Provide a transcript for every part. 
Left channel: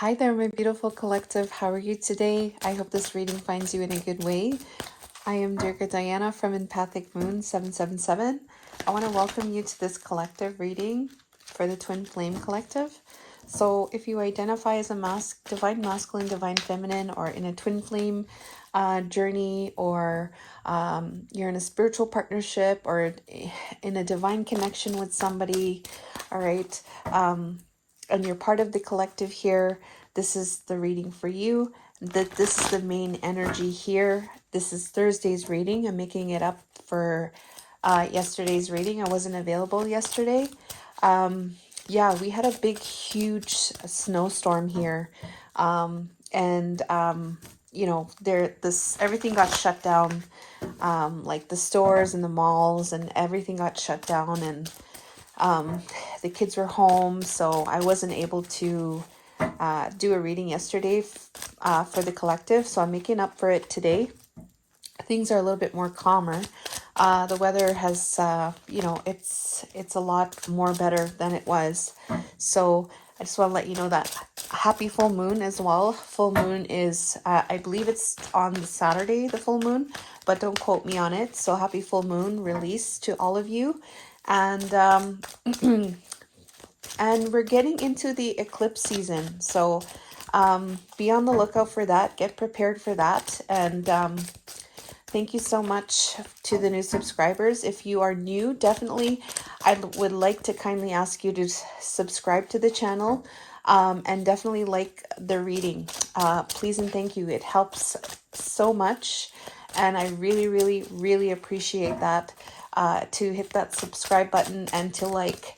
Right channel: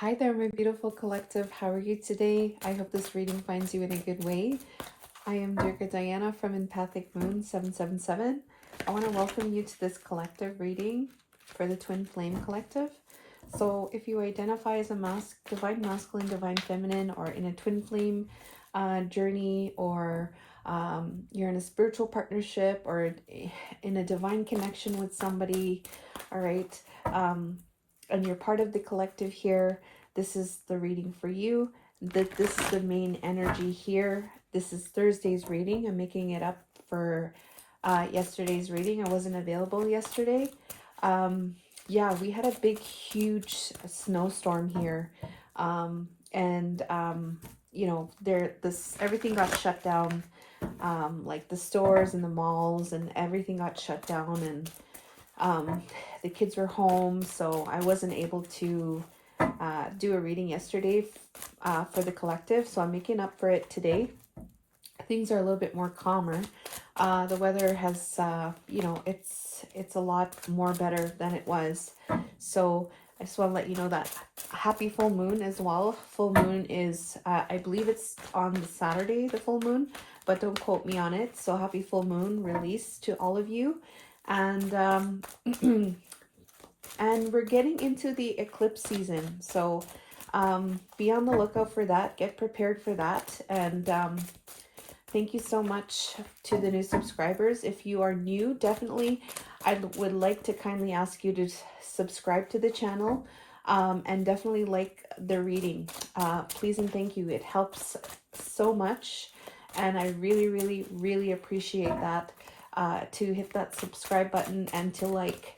Hi there, my beautiful collective. How are you today? I hope this reading finds you in a good way. I am Durga Diana from Empathic Moon 777. I want to welcome you to this collective reading for the Twin Flame Collective. So if you identify as a divine masculine, divine feminine, or in a twin flame journey, or you're in a spiritual partnership, or in a divine connection with somebody, all right, and you're part of the collective here, this is the reading for you. This is the main energy here. This is Thursday's reading. I'm making it up for yesterday's reading. I wasn't available yesterday. Yeah, we had a big, huge snowstorm here. You know, everything got shut down. Like the stores and the malls and everything got shut down, and the kids were home, so I wasn't able to do a reading yesterday for the collective, so I'm making up for it today. Things are a little bit more calmer. The weather has, you know, it's a lot more better than it was. So I just want to let you know that happy full moon as well. Full moon is, I believe it's on the Saturday, the full moon, but don't quote me on it. So happy full moon release to all of you. And and we're getting into the eclipse season, so be on the lookout for that. Get prepared for that. And thank you so much to the new subscribers. If you are new, definitely I would like to kindly ask you to subscribe to the channel, and definitely like the reading. Please and thank you. It helps so much, and I really appreciate that. To hit that subscribe button and to like.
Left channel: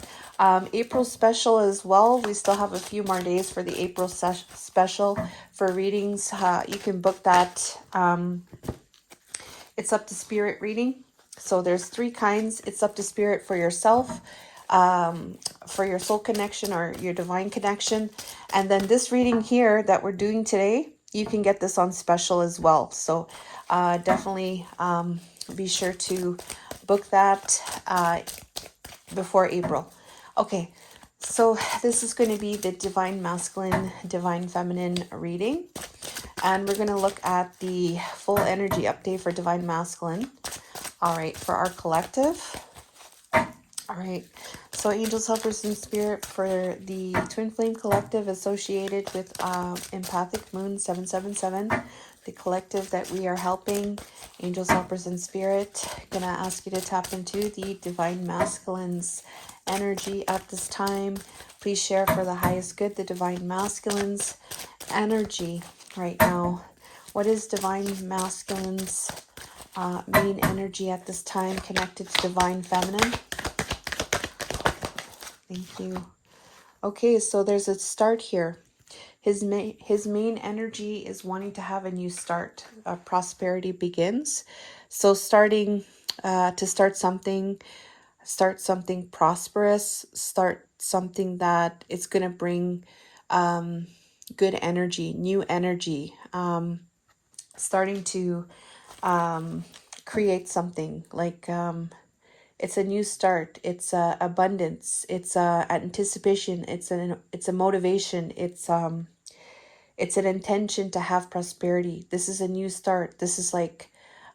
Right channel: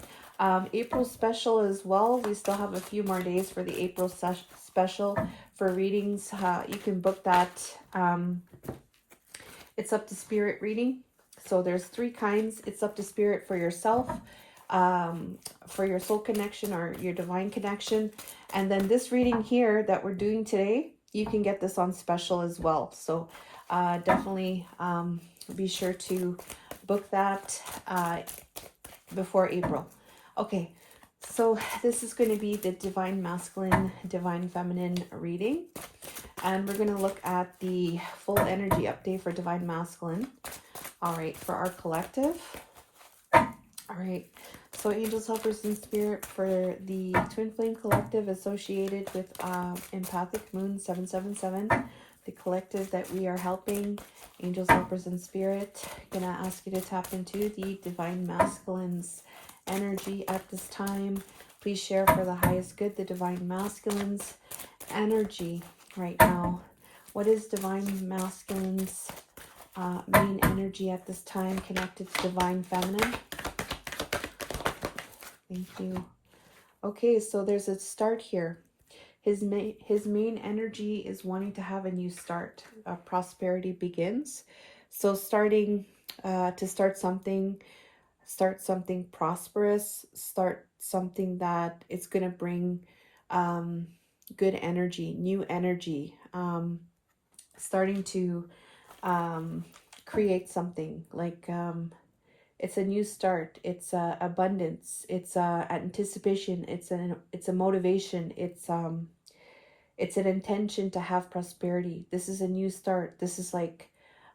April special as well. We still have a few more days for the April special for readings. You can book that. It's up to spirit reading. So there's 3 kinds. It's up to spirit for yourself, for your soul connection or your divine connection. And then this reading here that we're doing today, you can get this on special as well. So definitely be sure to book that before April. Okay, so this is going to be the divine masculine, divine feminine reading. And we're going to look at the full energy update for divine masculine. All right, for our collective. All right, so angels, helpers, and spirit for the Twin Flame Collective associated with Empathic Moon 777. The collective that we are helping, angels, helpers, and spirit. Gonna ask you to tap into the divine masculine's energy at this time. Please share for the highest good the divine masculine's energy right now. What is divine masculine's main energy at this time connected to divine feminine? Thank you. Okay, so there's a start here. His main energy is wanting to have a new start. Prosperity begins. So starting to start something prosperous, start something that is going to bring good energy, new energy, starting to create something like it's a new start, it's abundance, it's anticipation, it's a motivation, it's an intention to have prosperity. This is a new start. This is like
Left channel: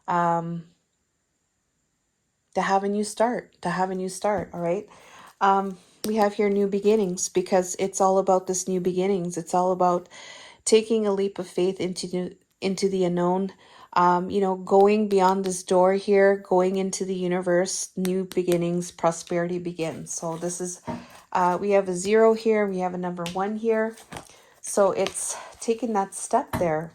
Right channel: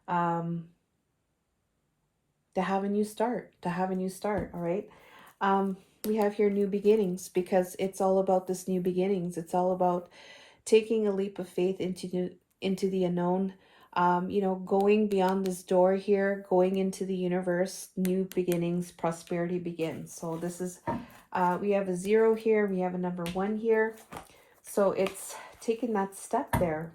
to have a new start, all right? We have here new beginnings, because it's all about this new beginnings. It's all about taking a leap of faith into the unknown. You know, going beyond this door here, going into the universe, new beginnings, prosperity begins. So this is, we have a 0 here, we have a number 1 here. So it's taking that step there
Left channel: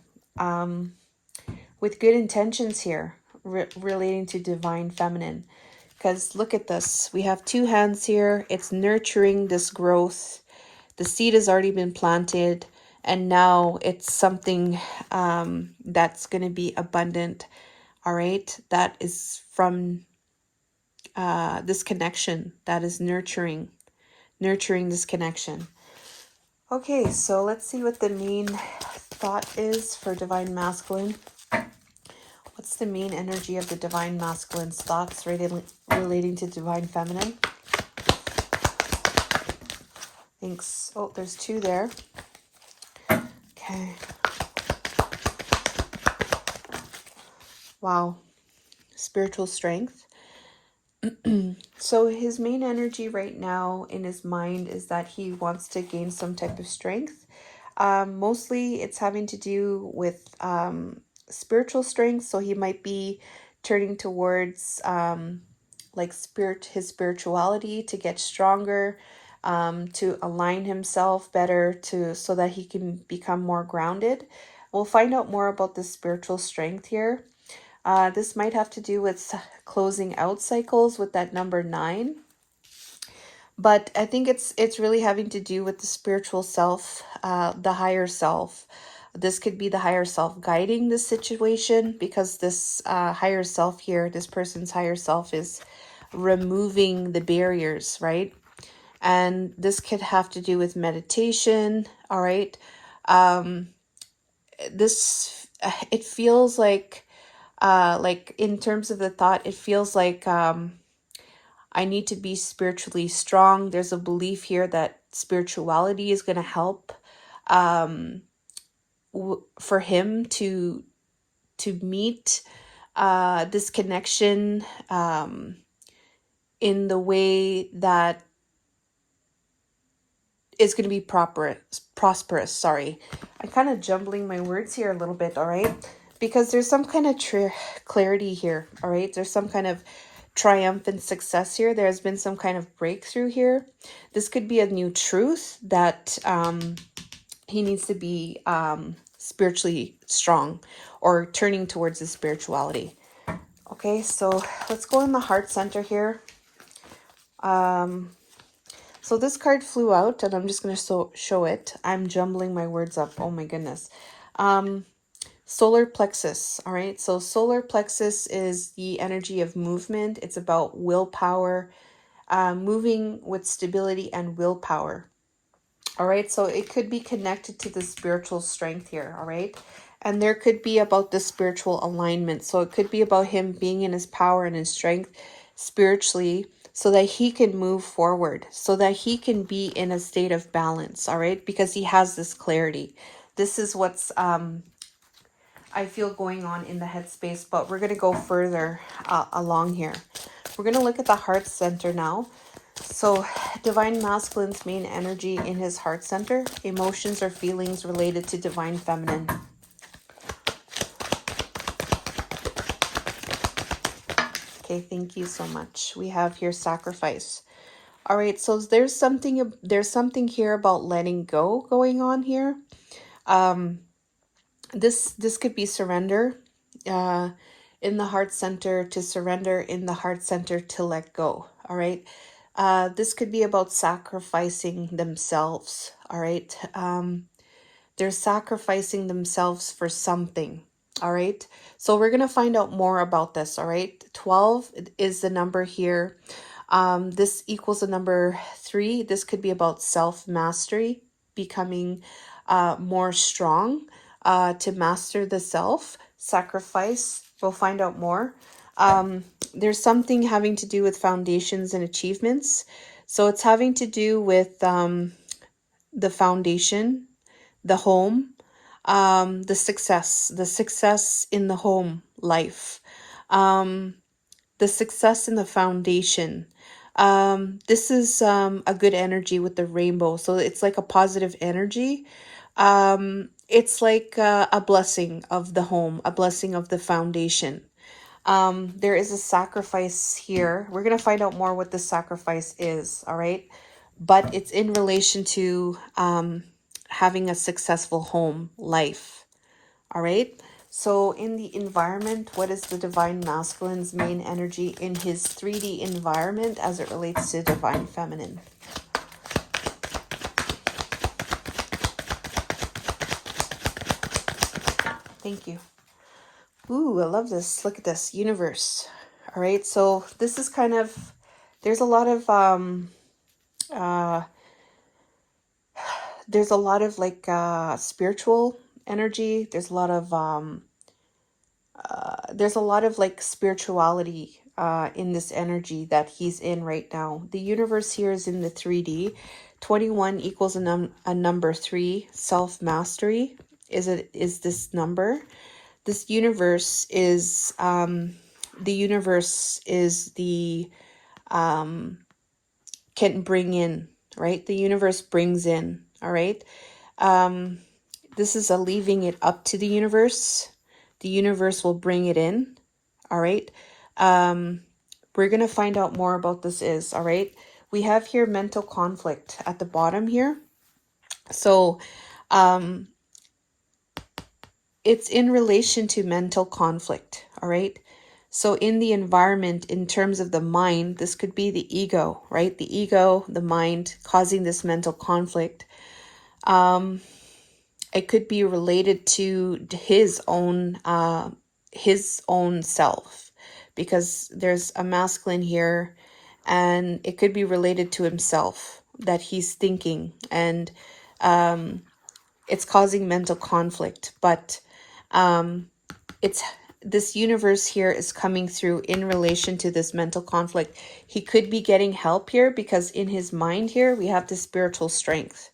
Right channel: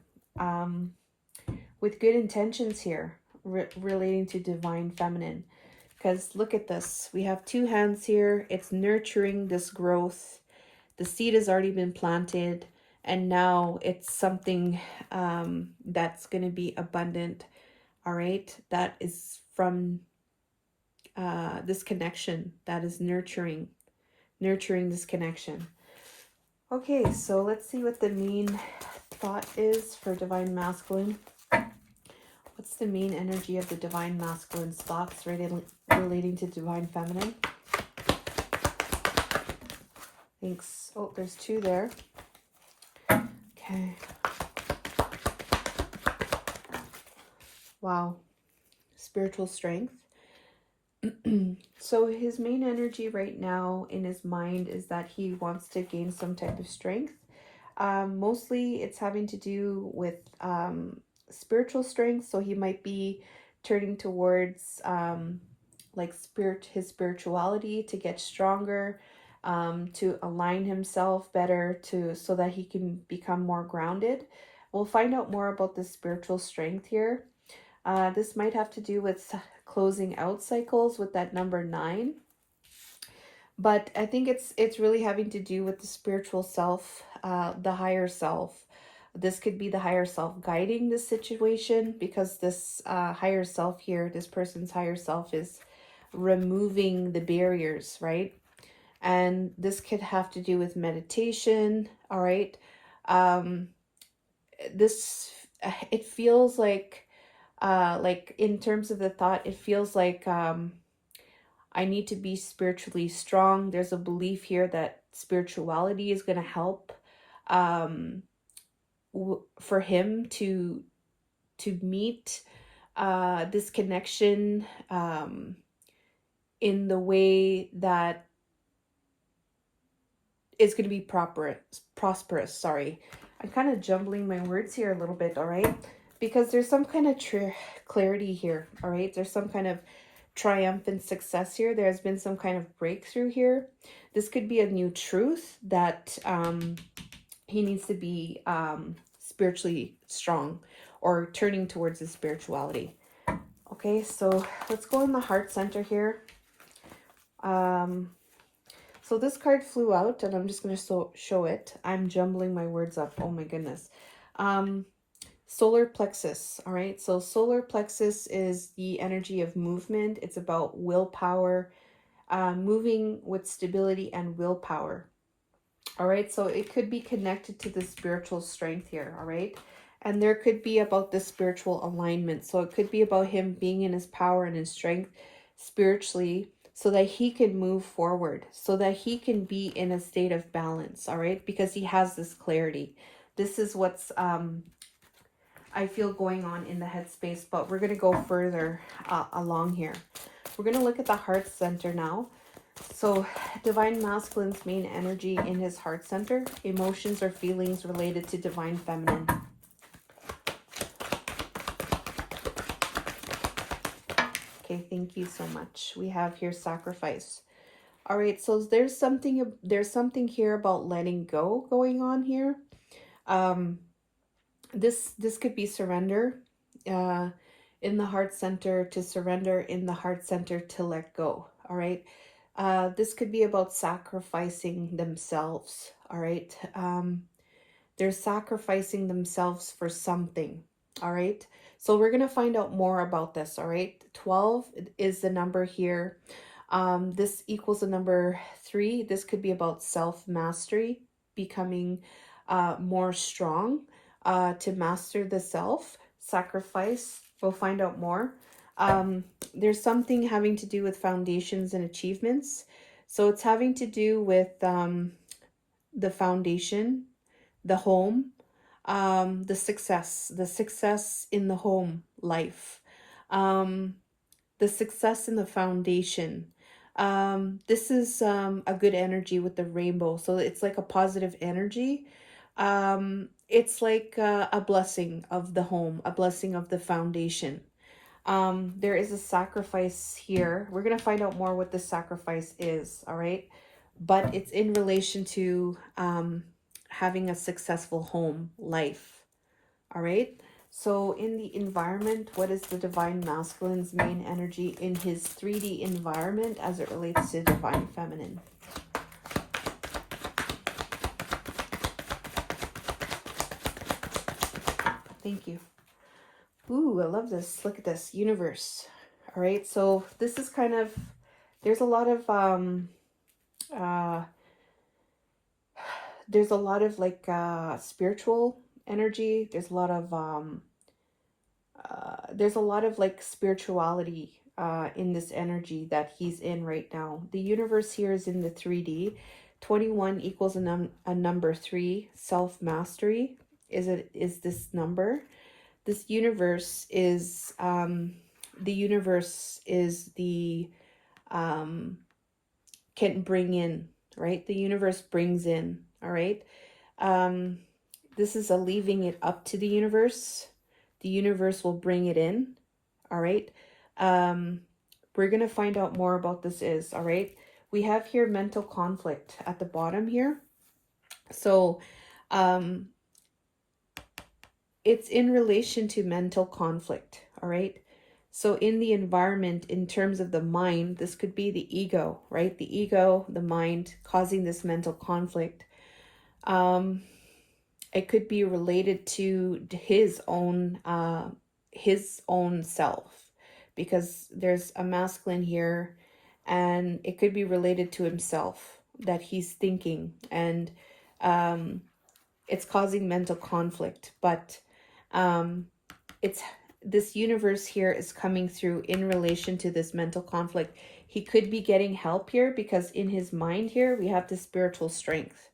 with good intentions here, relating to divine feminine. Because look at this, we have 2 hands here. It's nurturing this growth. The seed has already been planted, and now it's something that's going to be abundant. All right, that is from this connection that is nurturing this connection. Okay, so let's see what the main thought is for divine masculine. What's the main energy of the divine masculine's thoughts relating to divine feminine? Thanks. Oh, there's 2 there. Okay. Wow. Spiritual strength. So his main energy right now in his mind is that he wants to gain some type of strength. Mostly it's having to do with spiritual strength. So he might be turning towards like his spirituality to get stronger, to align himself better so that he can become more grounded. We'll find out more about the spiritual strength here. This might have to do with closing out cycles with that number 9. But I think it's really having to do with the spiritual self, the higher self. This could be the higher self guiding this situation, because this higher self here, this person's higher self, is removing the barriers, right? And this could have to do with meditation, all right? This, it feels like in terms of the thought, it feels like I need to be spiritually strong. There's a belief here that spirituality is going to help for him to meet this connection in the way that is going to be prosperous. Sorry, I'm kind of jumbling my words here a little bit, all right? Because there's some kind of clarity here, all right? There's some kind of triumphant success here. There's been some kind of breakthrough here. This could be a new truth that he needs to be spiritually strong, or turning towards his spirituality. Okay, so let's go in the heart center here. So this card flew out, and I'm just going to show it. I'm jumbling my words up. Oh my goodness. Solar plexus. All right. So solar plexus is the energy of movement. It's about willpower, moving with stability and willpower. All right. So it could be connected to the spiritual strength here. All right. And there could be about the spiritual alignment. So it could be about him being in his power and his strength spiritually, so that he can move forward, so that he can be in a state of balance, all right? Because he has this clarity. This is what's, I feel, going on in the headspace, but we're going to go further along here. We're going to look at the heart center now. So Divine Masculine's main energy in his heart center, emotions or feelings related to Divine Feminine. Okay, thank you so much. We have here sacrifice. All right, so there's something here about letting go going on here. This could be surrender in the heart center, to surrender in the heart center, to let go. All right, this could be about sacrificing themselves. All right, they're sacrificing themselves for something. All right, so we're gonna find out more about this. All right, 12 is the number here. This equals the number 3. This could be about self-mastery, becoming more strong to master the self. Sacrifice, we'll find out more. There's something having to do with foundations and achievements. So it's having to do with the foundation, the home, the success in the home life, the success in the foundation. This is a good energy with the rainbow. So it's like a positive energy. It's like a blessing of the home, a blessing of the foundation. There is a sacrifice here. We're going to find out more what the sacrifice is, all right? But it's in relation to having a successful home life, all right? So in the environment, what is the Divine Masculine's main energy in his 3D environment as it relates to Divine Feminine? Thank you. Ooh, I love this. Look at this. Universe. All right, so this is kind of, there's a lot of like spiritual energy. There's a lot of like spirituality in this energy that he's in right now. The universe here is in the 3D. 21 equals a number 3, self-mastery. is this number. This universe is the can bring in, right? The universe brings in, all right? This is a leaving it up to the universe. The universe will bring it in, all right? We're going to find out more about this is, all right? We have here mental conflict at the bottom here. So it's in relation to mental conflict, all right? So in the environment, in terms of the mind, this could be the ego, right? The ego, the mind causing this mental conflict. It could be related to his own self, because there's a masculine here, and it could be related to himself that he's thinking, and it's causing mental conflict. But it's this universe here is coming through in relation to this mental conflict. He could be getting help here because in his mind here we have the spiritual strength.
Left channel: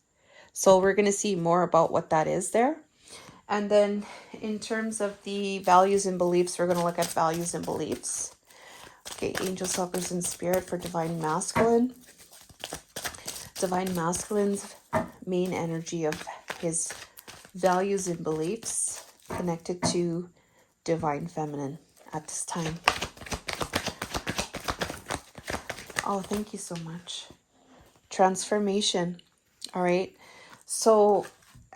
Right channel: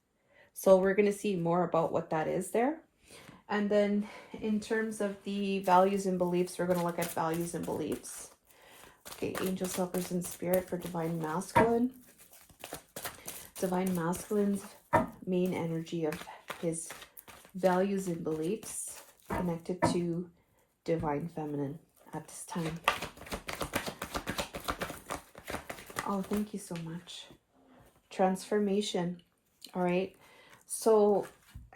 So we're going to see more about what that is there. And then in terms of the values and beliefs, we're going to look at values and beliefs. Okay, angels, helpers, and spirit for divine masculine. Divine masculine's main energy of his values and beliefs connected to divine feminine at this time. Oh, thank you so much. Transformation. All right. So,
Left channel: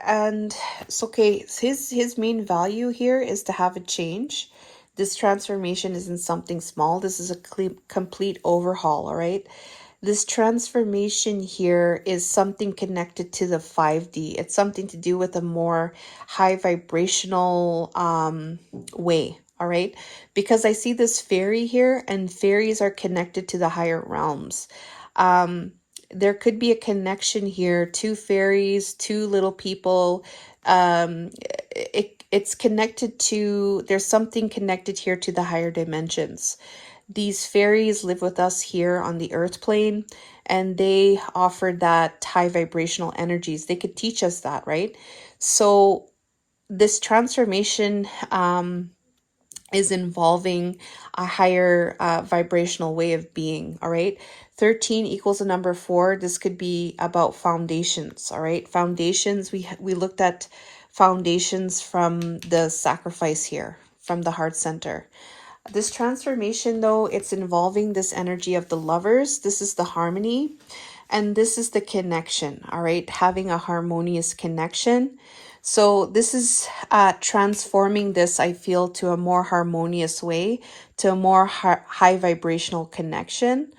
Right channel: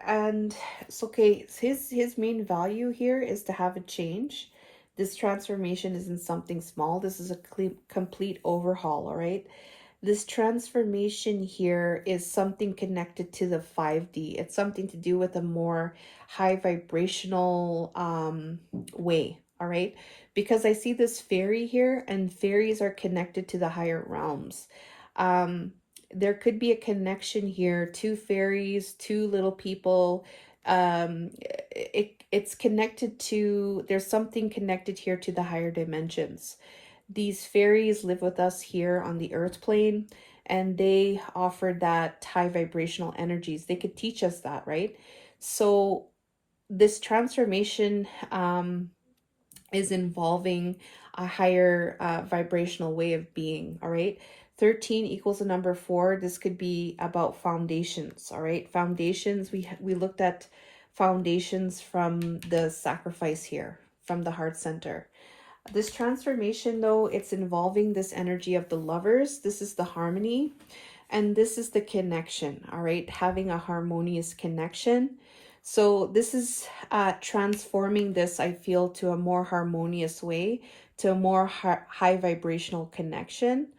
and it's okay. His main value here is to have a change. This transformation isn't something small. This is a complete overhaul. All right. This transformation here is something connected to the 5D. It's something to do with a more high vibrational way, all right? Because I see this fairy here, and fairies are connected to the higher realms. There could be a connection here, two fairies, two little people. It's connected to, there's something connected here to the higher dimensions. These fairies live with us here on the earth plane, and they offer that high vibrational energies. They could teach us that, right? So this transformation is involving a higher vibrational way of being, all right? 13 equals the number 4. This could be about foundations, all right? Foundations, we looked at foundations from the sacrifice here, from the heart center. This transformation, though, it's involving this energy of the lovers. This is the harmony, and this is the connection, all right? Having a harmonious connection. So this is transforming this, I feel, to a more harmonious way, to a more high vibrational connection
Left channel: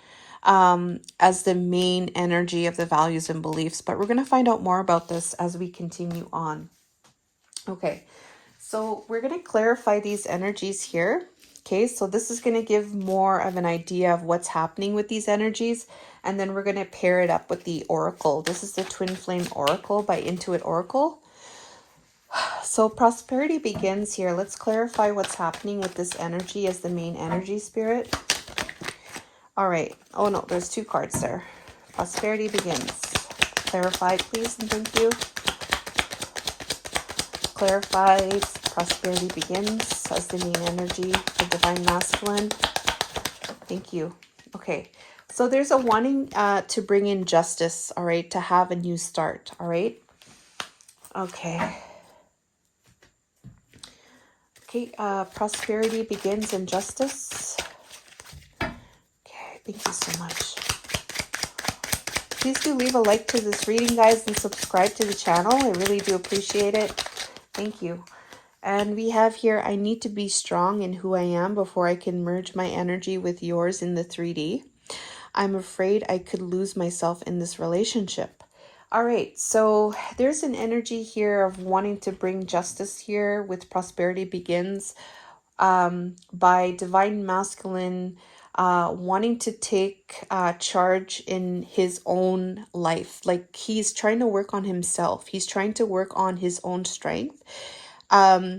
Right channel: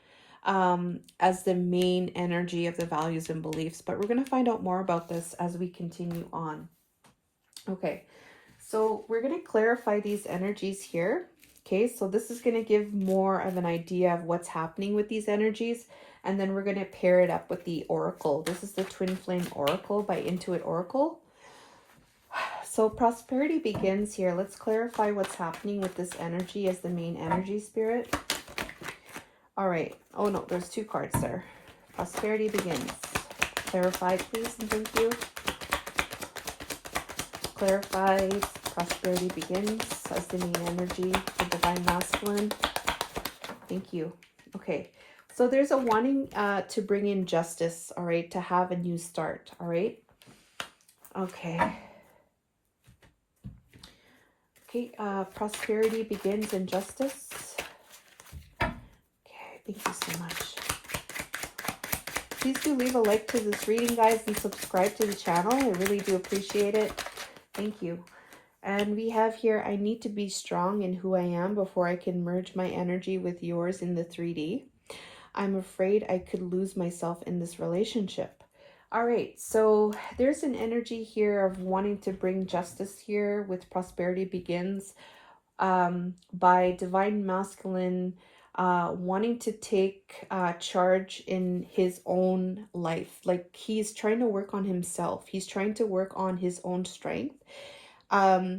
as the main energy of the values and beliefs. But we're going to find out more about this as we continue on. Okay, so we're going to clarify these energies here. Okay, so this is going to give more of an idea of what's happening with these energies. And then we're going to pair it up with the oracle. This is the Twin Flame Oracle by Intuit Oracle. So prosperity begins here. Let's clarify what's happening with this energy as the main energy spirit. All right. Oh, no, there's 2 cards there. Prosperity begins. Clarify, please, and thank you. Clarifies, prosperity begins as the main energy for divine masculine. Thank you. Okay, so there's a wanting to bring in justice, all right, to have a new start, all right? Okay. Okay, prosperity begins in justice. Okay, thank you so much. Please do leave a like to this reading, guys, and subscribe to the channel. I really do appreciate it. Thank you. And we have here, I need to be strong in who I am before I can merge my energy with yours in the 3D. I'm afraid I could lose myself in this relationship. All right, so there's an energy here of wanting to bring justice here with prosperity begins by divine masculine wanting to take charge in his own life. Like he's trying to work on himself. He's trying to work on his own strength.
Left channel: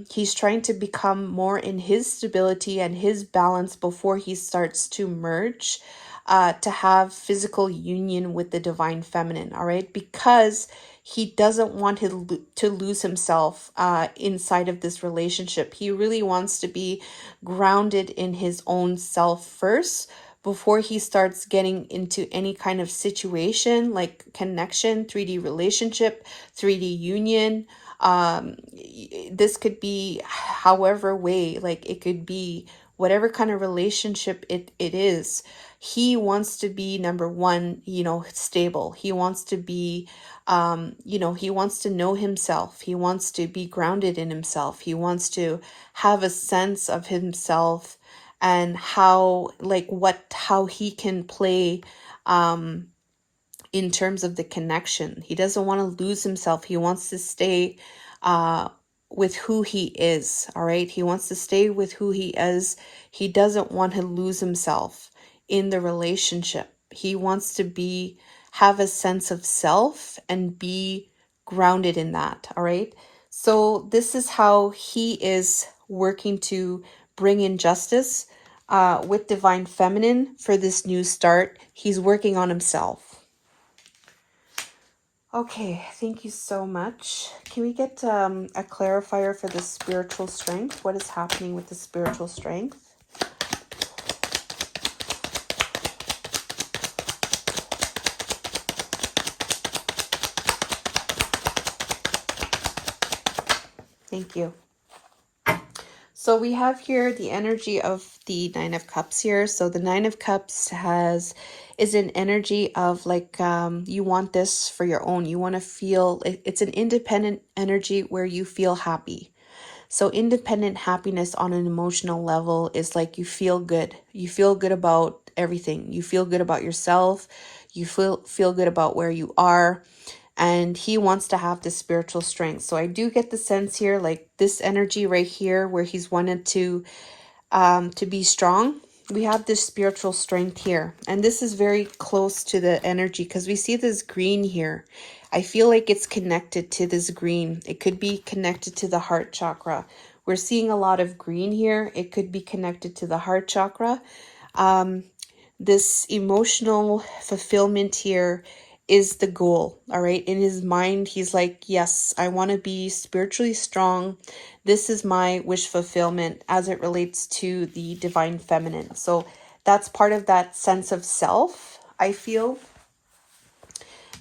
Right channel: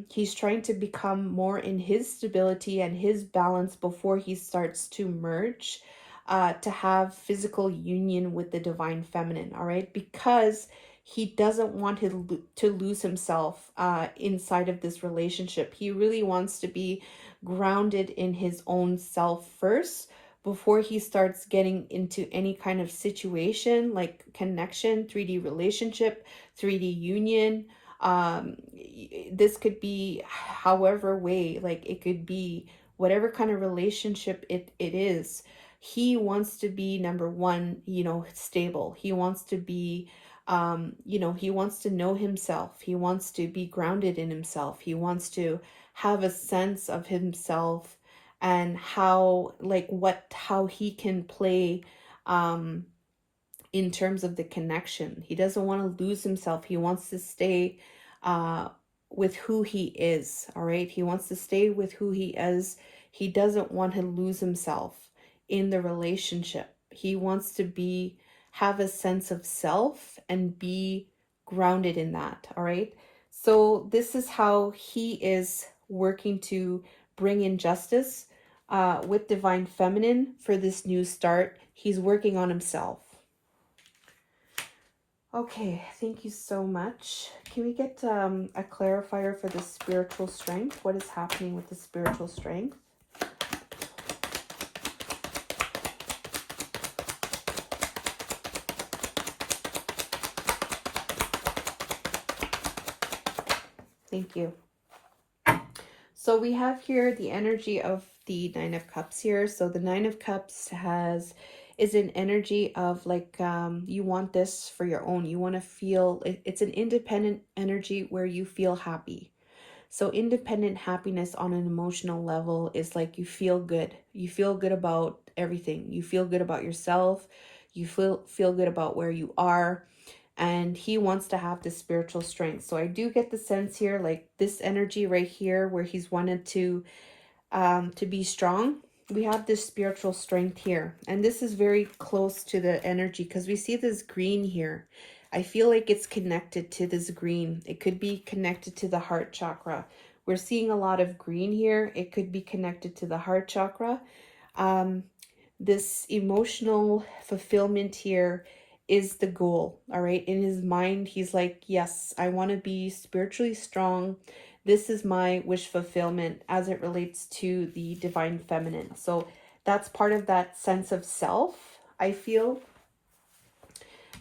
He's trying to become more in his stability and his balance before he starts to merge, to have physical union with the divine feminine, all right? Because he doesn't want to lose himself inside of this relationship. He really wants to be grounded in his own self first before he starts getting into any kind of situation like connection, 3D relationship, 3D union. This could be however way, like it could be whatever kind of relationship it is. He wants to be, number one, stable. He wants to be, he wants to know himself. He wants to be grounded in himself. He wants to have a sense of himself and how he can play in terms of the connection. He doesn't want to lose himself. He wants to stay with who he is. All right. He wants to stay with who he is. He doesn't want to lose himself in the relationship. He wants to have a sense of self and be grounded in that. All right. So this is how he is working to bring in justice with Divine Feminine for this new start. He's working on himself. Okay, thank you so much. Can we get a clarifier for the spiritual strength? What is happening with the spiritual strength? Thank you. So we have here the energy of the Nine of Cups here. So the Nine of Cups is an energy of like, you want this for your own. You want to feel, it's an independent energy where you feel happy. So independent happiness on an emotional level is like you feel good. You feel good about everything. You feel good about yourself. You feel good about where you are. And he wants to have this spiritual strength. So I do get the sense here, like this energy right here where he's wanted to be strong. We have this spiritual strength here. And this is very close to the energy because we see this green here. I feel like it's connected to this green. It could be connected to the heart chakra. We're seeing a lot of green here. It could be connected to the heart chakra. This emotional fulfillment here is the goal. All right. In his mind, he's like, yes, I want to be spiritually strong. This is my wish fulfillment as it relates to the Divine Feminine. So that's part of that sense of self, I feel.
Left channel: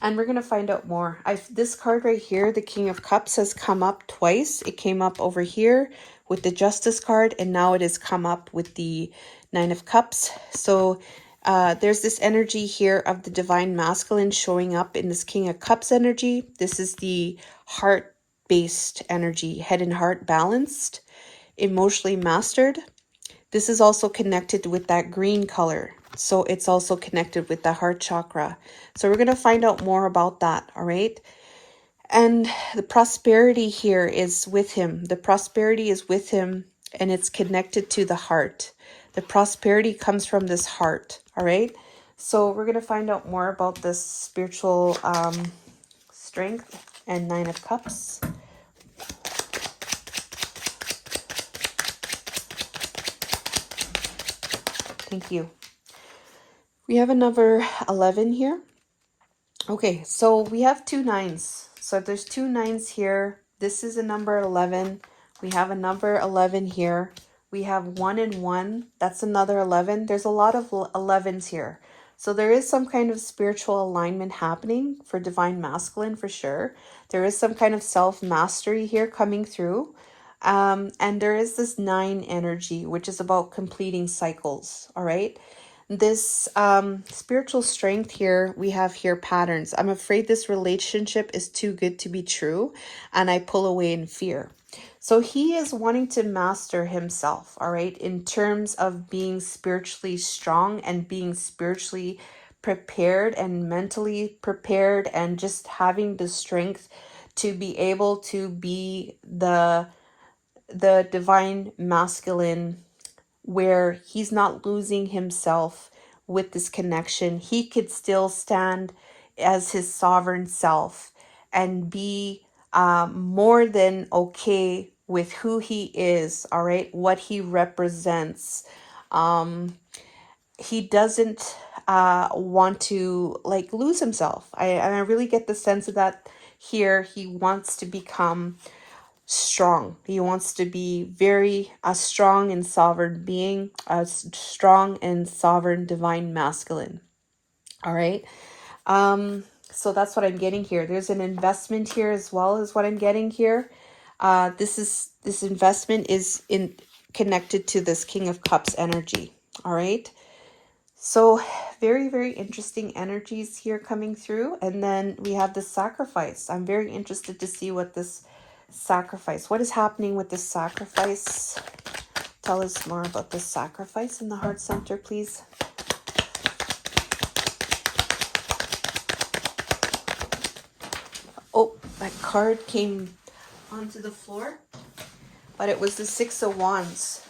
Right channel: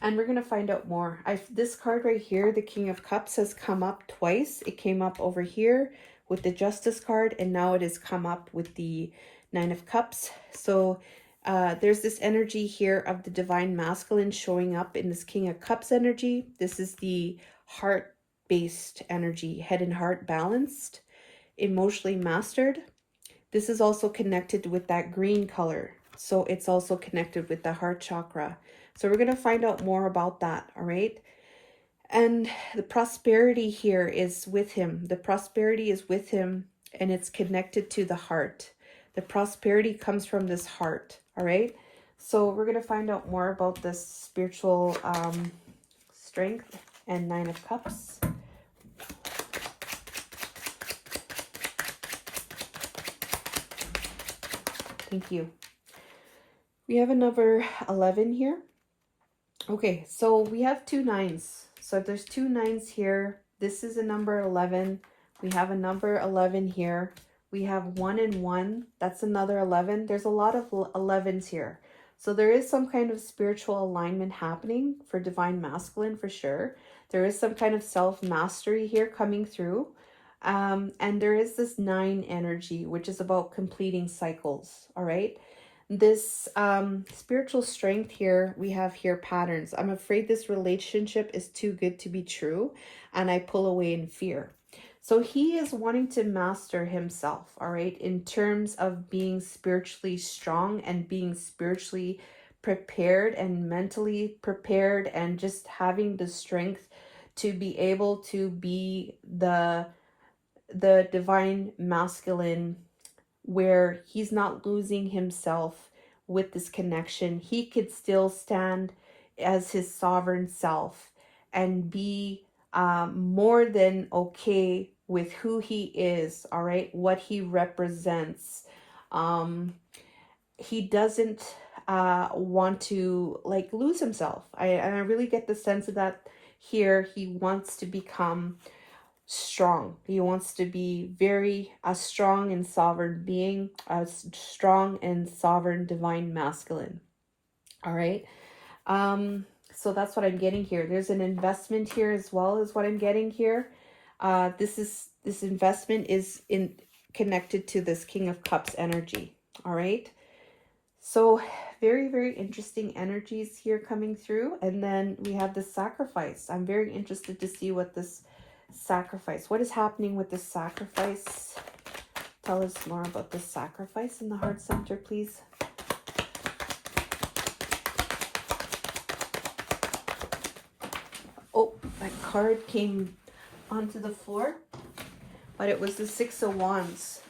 And we're going to find out more. This card right here, the King of Cups, has come up twice. It came up over here with the Justice card, and now it has come up with the Nine of Cups. So there's this energy here of the Divine Masculine showing up in this King of Cups energy. This is the heart-based energy, head and heart balanced, emotionally mastered. This is also connected with that green color. So it's also connected with the heart chakra. So we're going to find out more about that, all right? And the prosperity here is with him. The prosperity is with him, and it's connected to the heart. The prosperity comes from this heart, all right? So we're going to find out more about this spiritual strength and Nine of Cups. Thank you. We have another 11 here. Okay, so we have two nines. So there's two nines here. This is a number 11. We have a number 11 here. We have 1 and 1. That's another 11. There's a lot of 11s here. So there is some kind of spiritual alignment happening for Divine Masculine for sure. There is some kind of self-mastery here coming through. And there is this 9 energy, which is about completing cycles, all right? This spiritual strength here, we have here patterns. I'm afraid this relationship is too good to be true, and I pull away in fear. So he is wanting to master himself, all right, in terms of being spiritually strong and being spiritually prepared and mentally prepared and just having the strength to be able to be the Divine Masculine, where he's not losing himself with this connection. He could still stand as his sovereign self and be more than okay with who he is, all right, what he represents. He doesn't want to like lose himself. And I really get the sense of that here, he wants to become strong. He wants to be very a strong and sovereign being, a strong and sovereign divine masculine. All right. So that's what I'm getting here. There's an investment here as well as what I'm getting here. This investment is in connected to this King of Cups energy. All right. So very, very interesting energies here coming through. And then we have the sacrifice. I'm very interested to see what this sacrifice, what is happening with this sacrifice. Tell us more about this sacrifice in the heart center, please. Oh, that card came onto the floor, but it was the Six of Wands.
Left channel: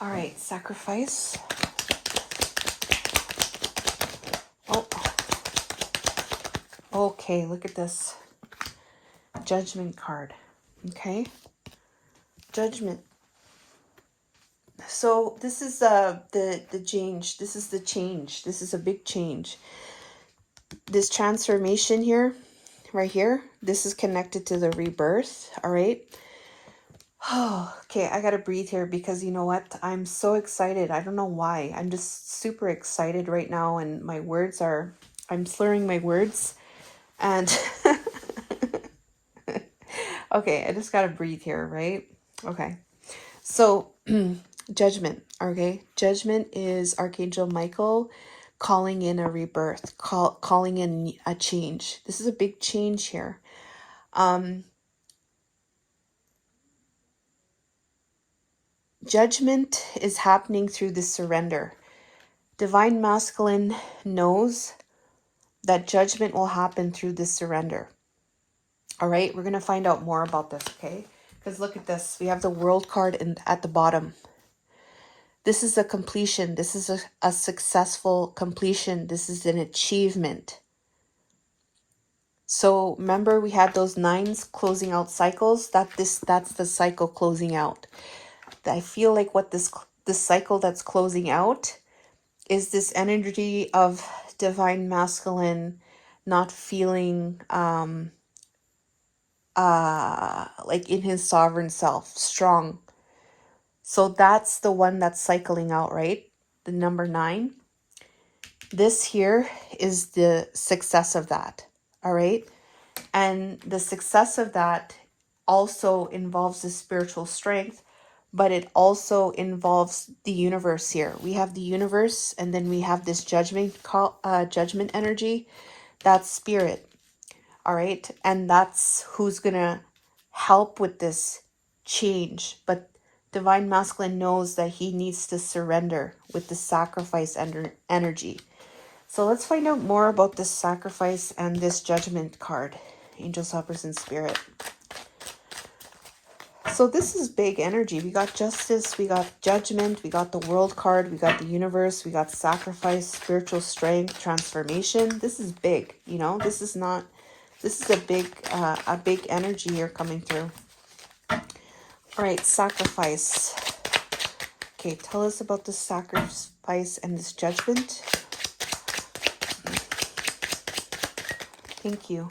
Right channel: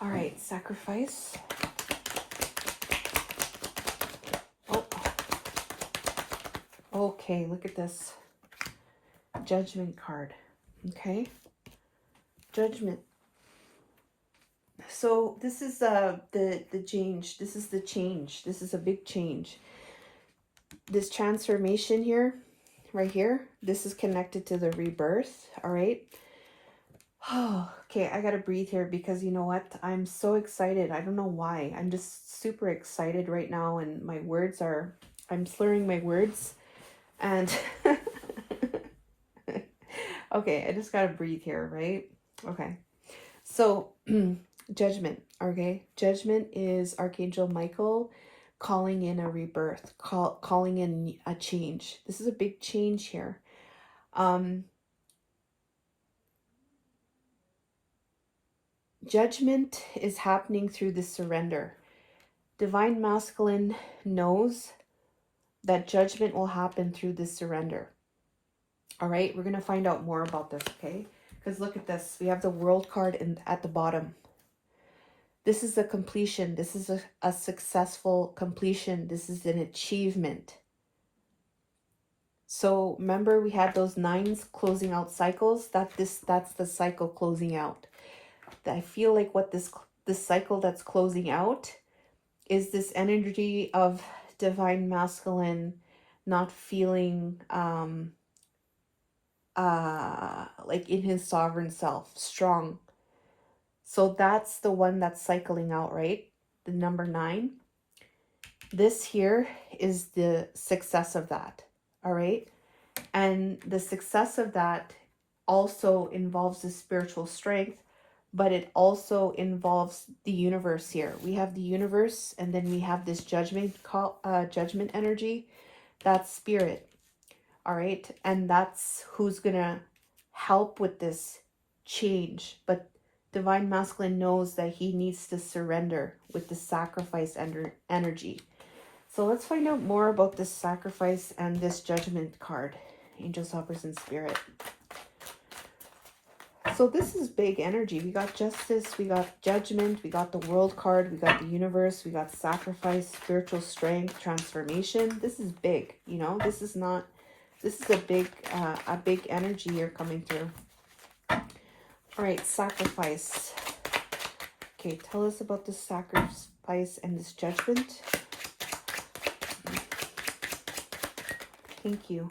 All right, sacrifice. Oh, okay, look at this. Judgment card. Okay, Judgment. So this is the change. This is the change. This is a big change. This transformation here, right here, this is connected to the rebirth. All right. Oh, okay, I gotta breathe here because you know what? I'm so excited. I don't know why. I'm just super excited right now, and my words are, I'm slurring my words. And okay, I just gotta breathe here, right? Okay. So judgment, okay? Judgment is Archangel Michael calling in a rebirth, calling in a change. This is a big change here. Judgment is happening through the surrender. Divine Masculine knows that judgment will happen through this surrender. All right, we're going to find out more about this, okay? Because look at this. We have the World card at the bottom. This is a completion. This is a successful completion. This is an achievement. So remember we had those 9s closing out cycles. That's the cycle closing out. I feel like what this cycle that's closing out is this energy of Divine Masculine not feeling like in his sovereign self, strong. So that's the one that's cycling out, right? The number 9. This here is the success of that, all right? And the success of that also involves the spiritual strength, but it also involves the universe here. We have the universe, and then we have this judgment energy. That's spirit, all right? And that's who's gonna help with this change. But Divine Masculine knows that he needs to surrender with the sacrifice energy. So let's find out more about this sacrifice and this judgment card. Angels, helpers, and spirit. So this is big energy. We got justice, we got judgment, we got the World card, we got the universe, we got sacrifice, spiritual strength, transformation. This is big, you know. This is a big energy here coming through. All right, sacrifice. Okay, tell us about the sacrifice and this judgment. Thank you.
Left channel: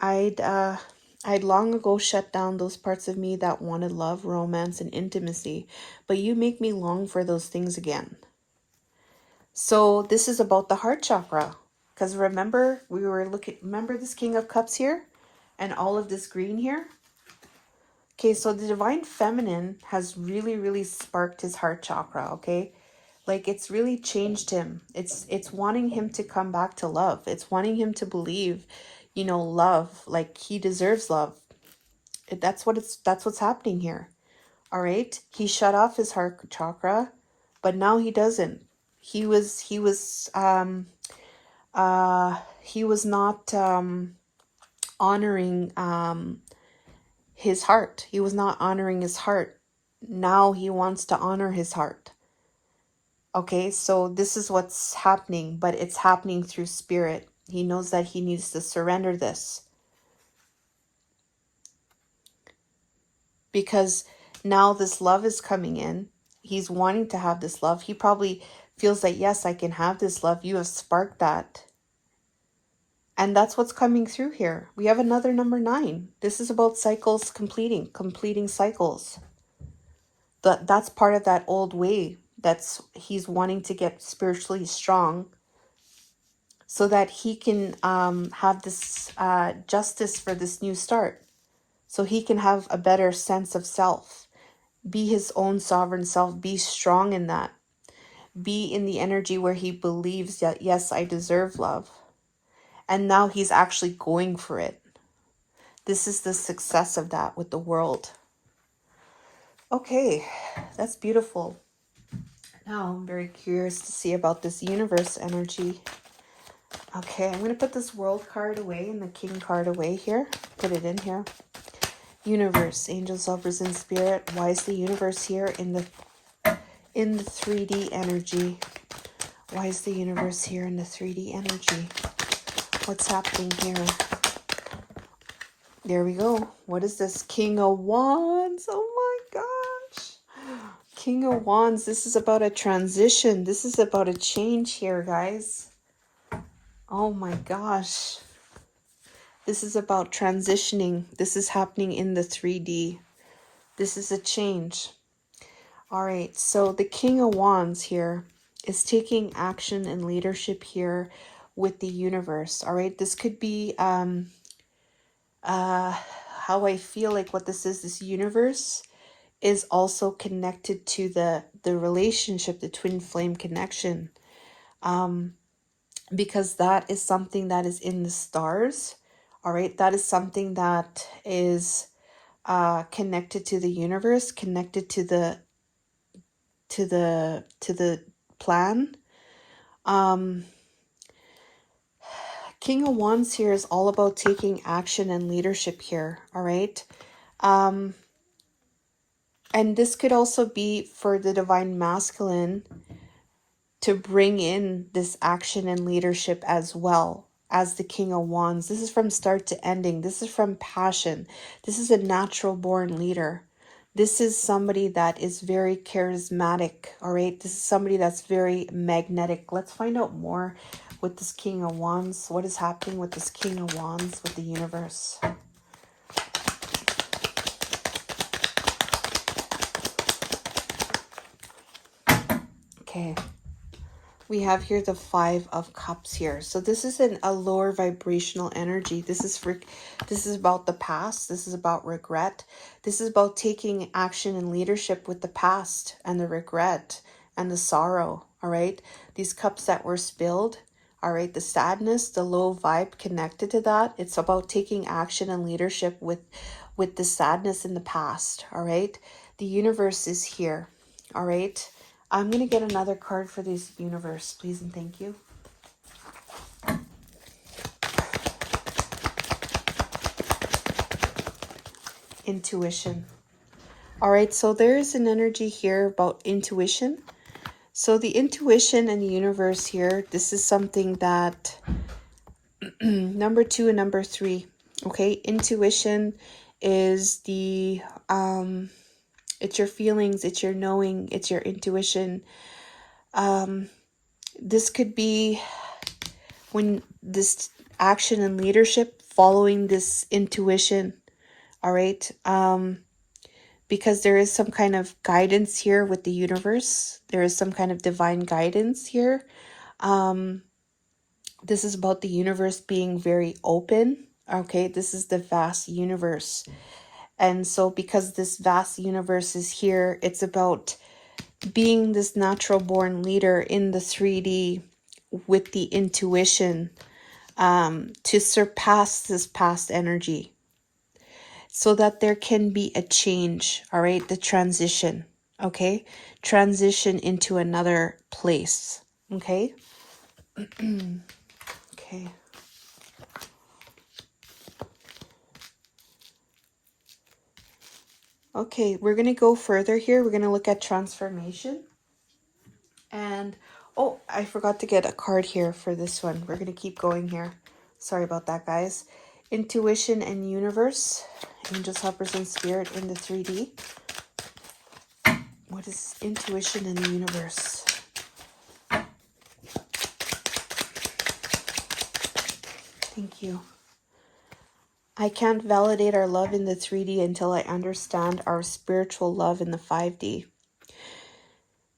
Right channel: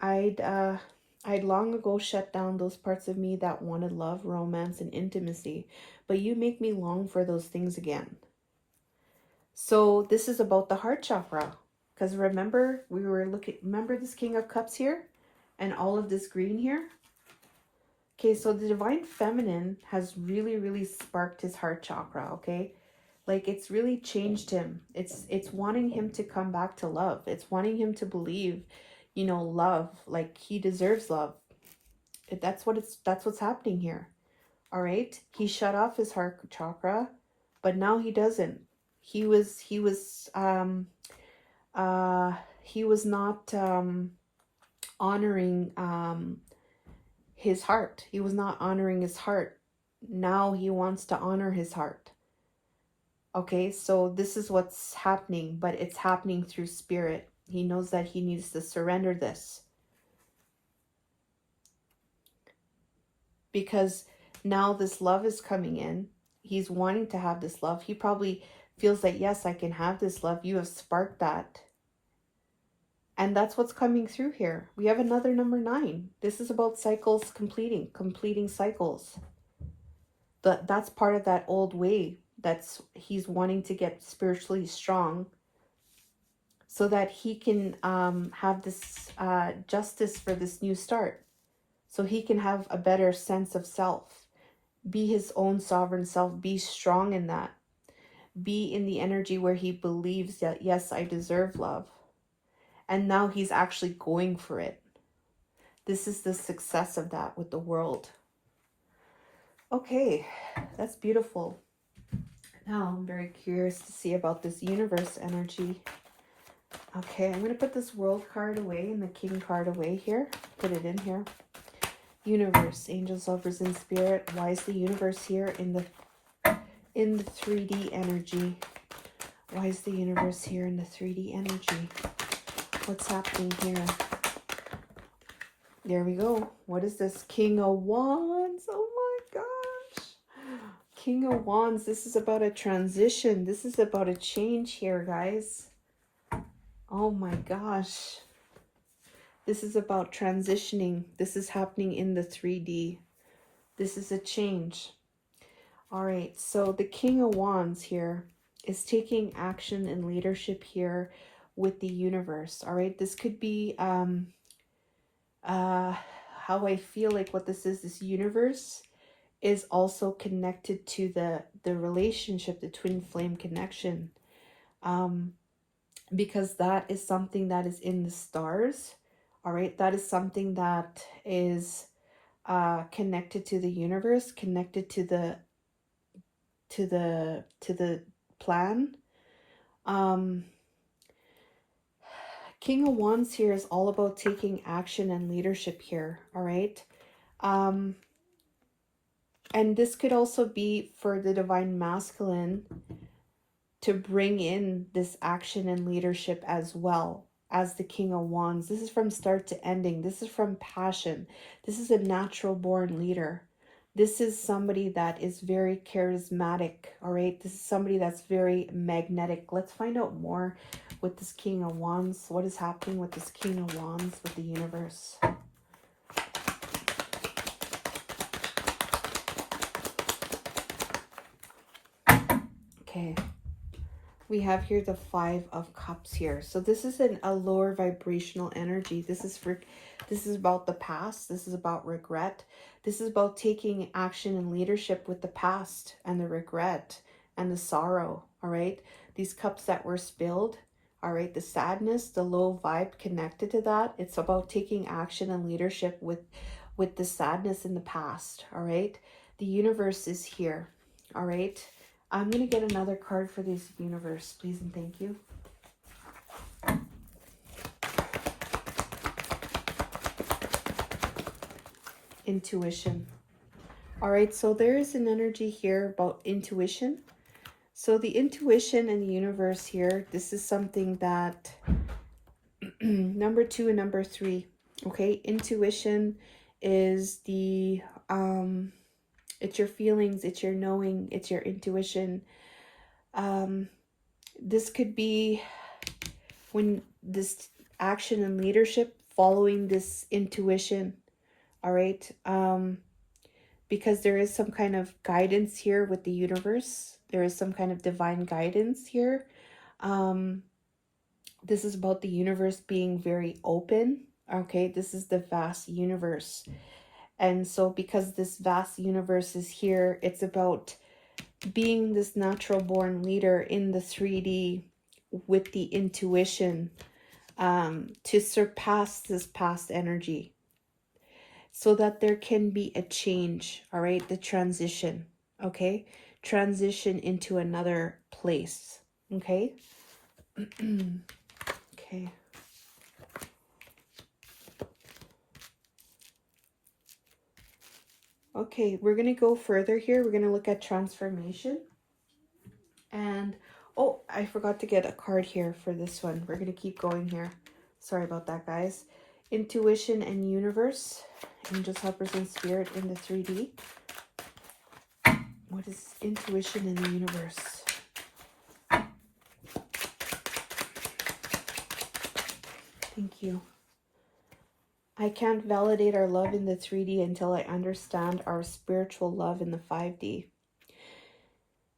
I'd long ago shut down those parts of me that wanted love, romance, and intimacy, but you make me long for those things again. So this is about the heart chakra, because remember remember this King of Cups here and all of this green here? Okay, so the Divine Feminine has really, really sparked his heart chakra, okay? Like it's really changed him. It's wanting him to come back to love. It's wanting him to believe, you know, love, like he deserves love. That's what's happening here. All right? He shut off his heart chakra, but now he doesn't. He was not honoring his heart. He was not honoring his heart. Now he wants to honor his heart. Okay, so this is what's happening, but it's happening through spirit. He knows that he needs to surrender this. Because now this love is coming in. He's wanting to have this love. He probably feels like, yes, I can have this love. You have sparked that. And that's what's coming through here. We have another number 9. This is about cycles completing cycles. That's part of that old way. He's wanting to get spiritually strong so that he can have this justice for this new start. So he can have a better sense of self. Be his own sovereign self. Be strong in that. Be in the energy where he believes that, yes, I deserve love. And now he's actually going for it. This is the success of that with the world. Okay, that's beautiful. Now I'm very curious to see about this universe energy. Okay, I'm going to put this world card away and the king card away here. Put it in here. Universe, angels, lovers, and spirit. Why is the universe here in the 3D energy? Why is the universe here in the 3D energy? What's happening here? There we go. What is this? King of Wands. Oh my gosh. King of Wands. This is about a transition. This is about a change here, guys. Oh my gosh. This is about transitioning. This is happening in the 3D. This is a change. All right. So the King of Wands here is taking action and leadership here with the universe. All right. This could be how I feel like what this universe is also connected to the relationship, the twin flame connection, because that is something that is in the stars. All right, that is something that is connected to the universe, connected to the plan. King of Wands here is all about taking action and leadership here. All right. And this could also be for the divine masculine to bring in this action and leadership as well as the King of Wands. This is from start to ending. This is from passion. This is a natural born leader. This is somebody that is very charismatic. All right. This is somebody that's very magnetic. Let's find out more with this King of Wands. What is happening with this King of Wands with the universe? Okay, we have here the 5 of Cups here. So this is a lower vibrational energy. This is about the past. This is about regret. This is about taking action and leadership with the past and the regret and the sorrow. All right, these cups that were spilled. All right, the sadness, the low vibe connected to that. It's about taking action and leadership with the sadness in the past. All right, the universe is here. All right. I'm going to get another card for this universe, please and thank you. Intuition. All right, so there's an energy here about intuition. So the intuition and the universe here, this is something that number 2 and number 3. Okay, intuition is the it's your feelings, it's your knowing, it's your intuition. This could be when this action and leadership following this intuition. All right. Because there is some kind of guidance here with the universe. There is some kind of divine guidance here. This is about the universe being very open. Okay, this is the vast universe. And so because this vast universe is here, it's about being this natural born leader in the 3D with the intuition to surpass this past energy so that there can be a change. All right, the transition. Okay, transition into another place. Okay. Okay. Okay, we're going to go further here. We're going to look at transformation. And, oh, I forgot to get a card here for this one. We're going to keep going here. Sorry about that, guys. Intuition and universe. Angels, helpers, and spirit in the 3D. What is intuition in the universe? Thank you. I can't validate our love in the 3D until I understand our spiritual love in the 5D.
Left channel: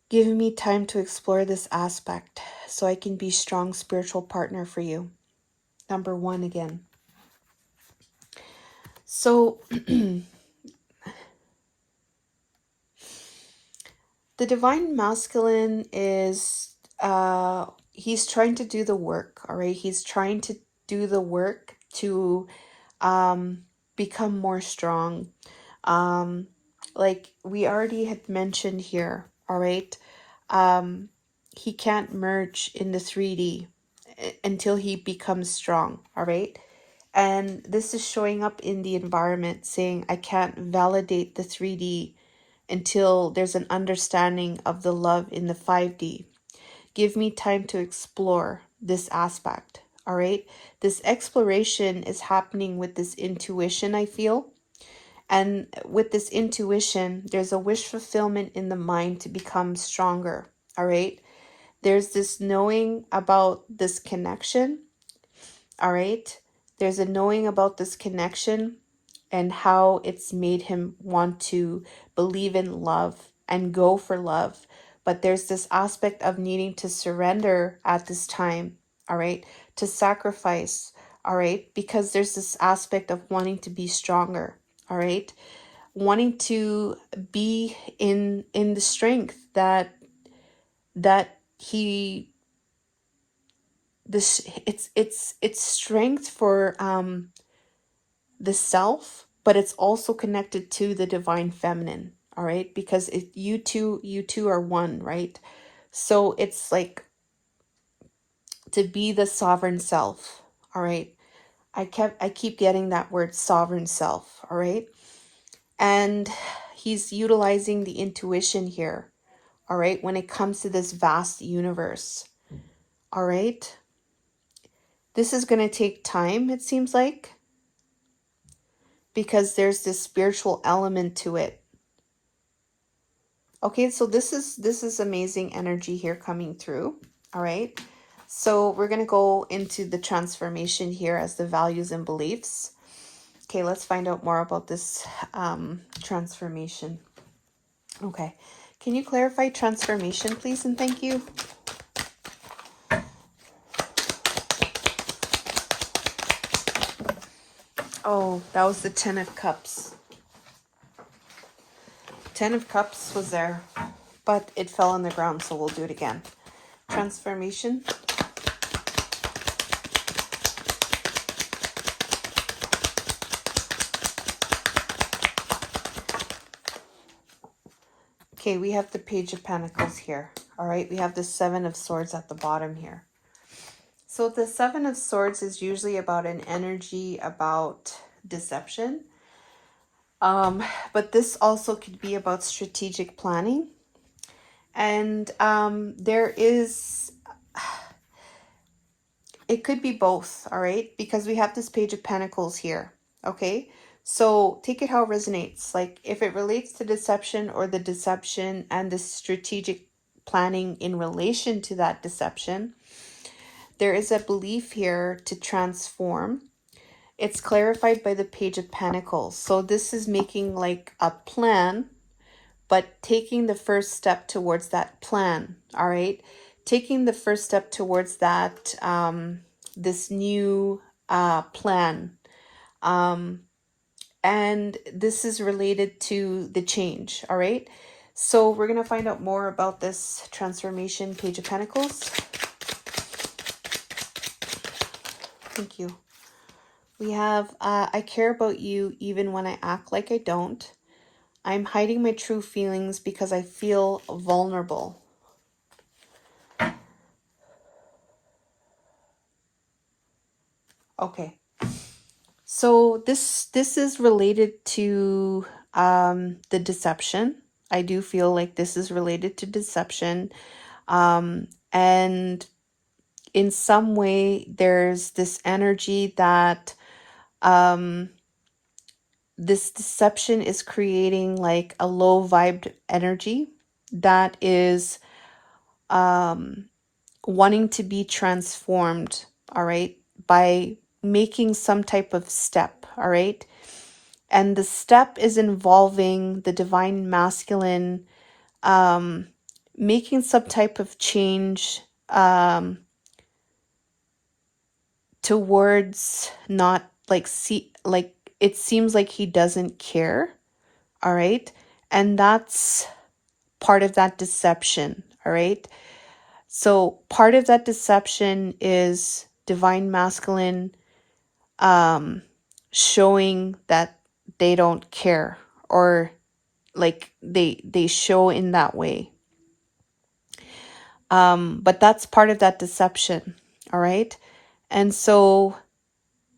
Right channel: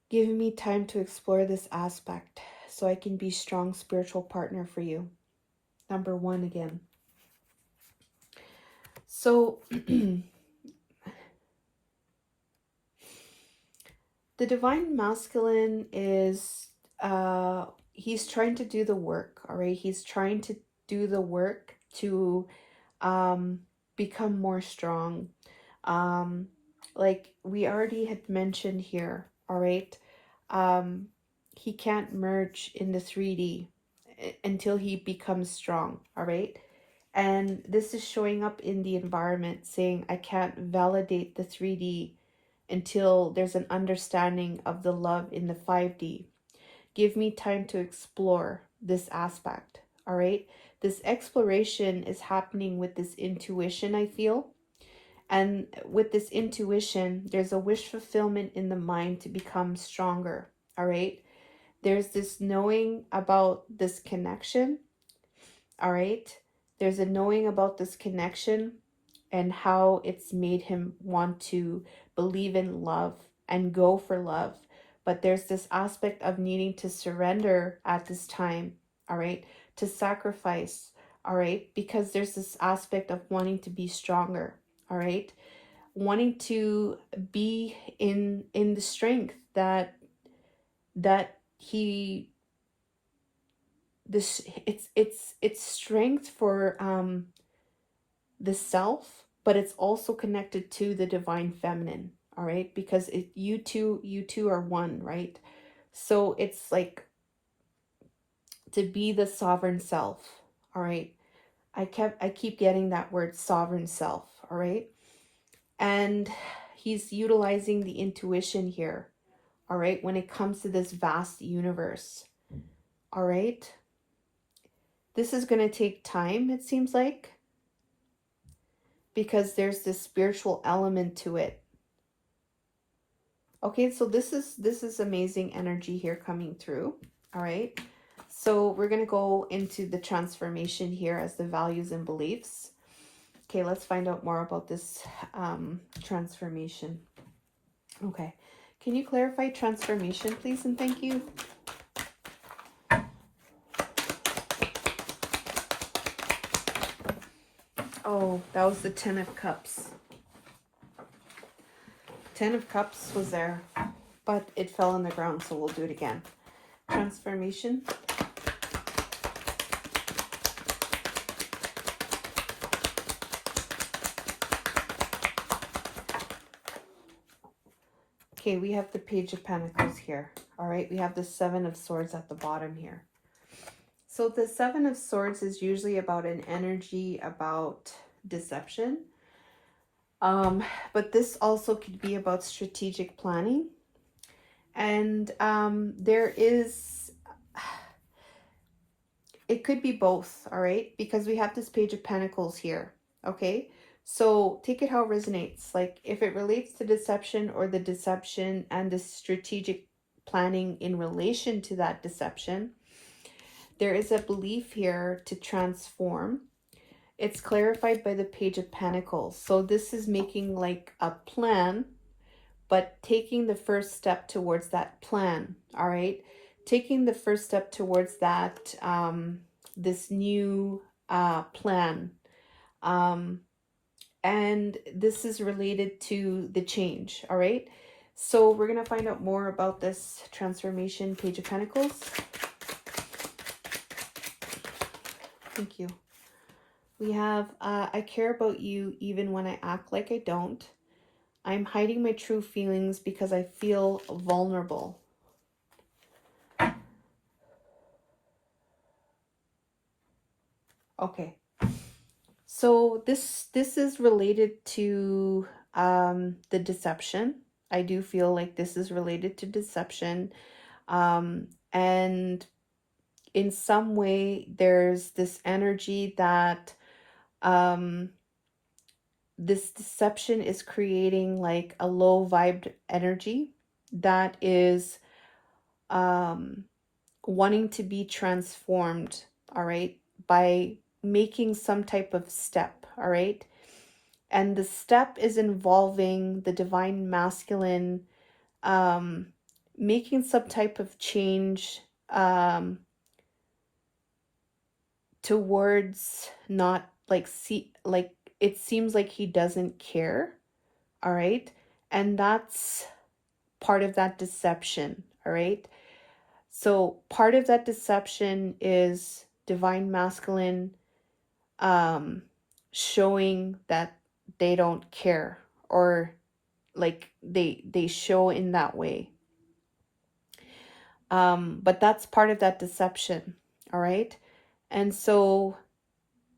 Give me time to explore this aspect so I can be a strong spiritual partner for you. Number 1 again. So the divine masculine is he's trying to do the work, all right? He's trying to do the work to become more strong. Like we already had mentioned here, all right? He can't merge in the 3D until he becomes strong, all right? And this is showing up in the environment saying, I can't validate the 3D until there's an understanding of the love in the 5D. Give me time to explore this aspect, all right? This exploration is happening with this intuition, I feel. And with this intuition, there's a wish fulfillment in the mind to become stronger, all right? There's this knowing about this connection, all right? There's a knowing about this connection and how it's made him want to believe in love and go for love. But there's this aspect of needing to surrender at this time, all right? To sacrifice, all right? Because there's this aspect of wanting to be stronger, all right? Wanting to be in the strength that he this it's strength for the self, but it's also connected to the divine feminine, all right? Because you two are one, right? So it's like to be the sovereign self, all right? I keep getting that word sovereign self, all right? And he's utilizing the intuition here, all right, when it comes to this vast universe, all right? This is going to take time, it seems like, because there's this spiritual element to it. Okay, so this is amazing energy here coming through, all right? So we're going to go into the transformation here as the values and beliefs. Okay, let's find out more about this transformation. Okay, can you clarify transformation, please, and thank you? Oh, that was the 10 of Cups. 10 of Cups was there, but it fell on the ground, so we'll do it again. Transformation. Okay, we have the Page of Pentacles here. All right, we have the 7 of Swords at the bottom here. So the 7 of Swords is usually about an energy about deception. But this also could be about strategic planning. And there is, it could be both, all right? Because we have this Page of Pentacles here, okay? So take it how it resonates. Like if it relates to deception or the deception and the strategic planning in relation to that deception, there is a belief here to transform. It's clarified by the Page of Pentacles. So this is making like a plan, but taking the first step towards that plan, all right? Taking the first step towards that, this new plan. And this is related to the change, all right? So we're going to find out more about this transformation, Page of Pentacles. Thank you. We have, I care about you even when I act like I don't. I'm hiding my true feelings because I feel vulnerable. Okay. So this is related to the deception. I do feel like this is related to deception. And in some way, there's this energy that this deception is creating like a low vibed energy that is wanting to be transformed, all right, by making some type of step, all right? And the step is involving the divine masculine, making some type of change towards not like it seems like he doesn't care, all right? And that's part of that deception, all right? So part of that deception is divine masculine showing that they don't care, or like they show in that way. But that's part of that deception, all right? And so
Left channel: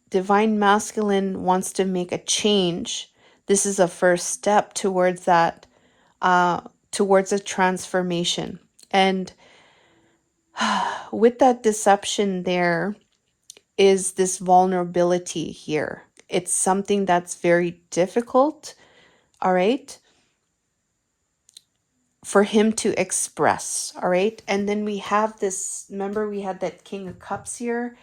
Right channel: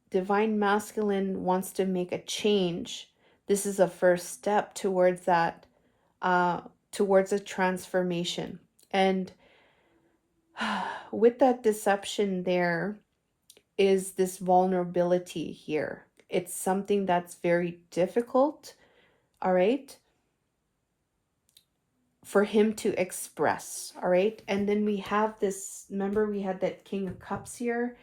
divine masculine wants to make a change. This is a first step towards that, towards a transformation. And with that deception, there is this vulnerability here. It's something that's very difficult, all right, for him to express, all right? And then we have this, remember we had that King of Cups here.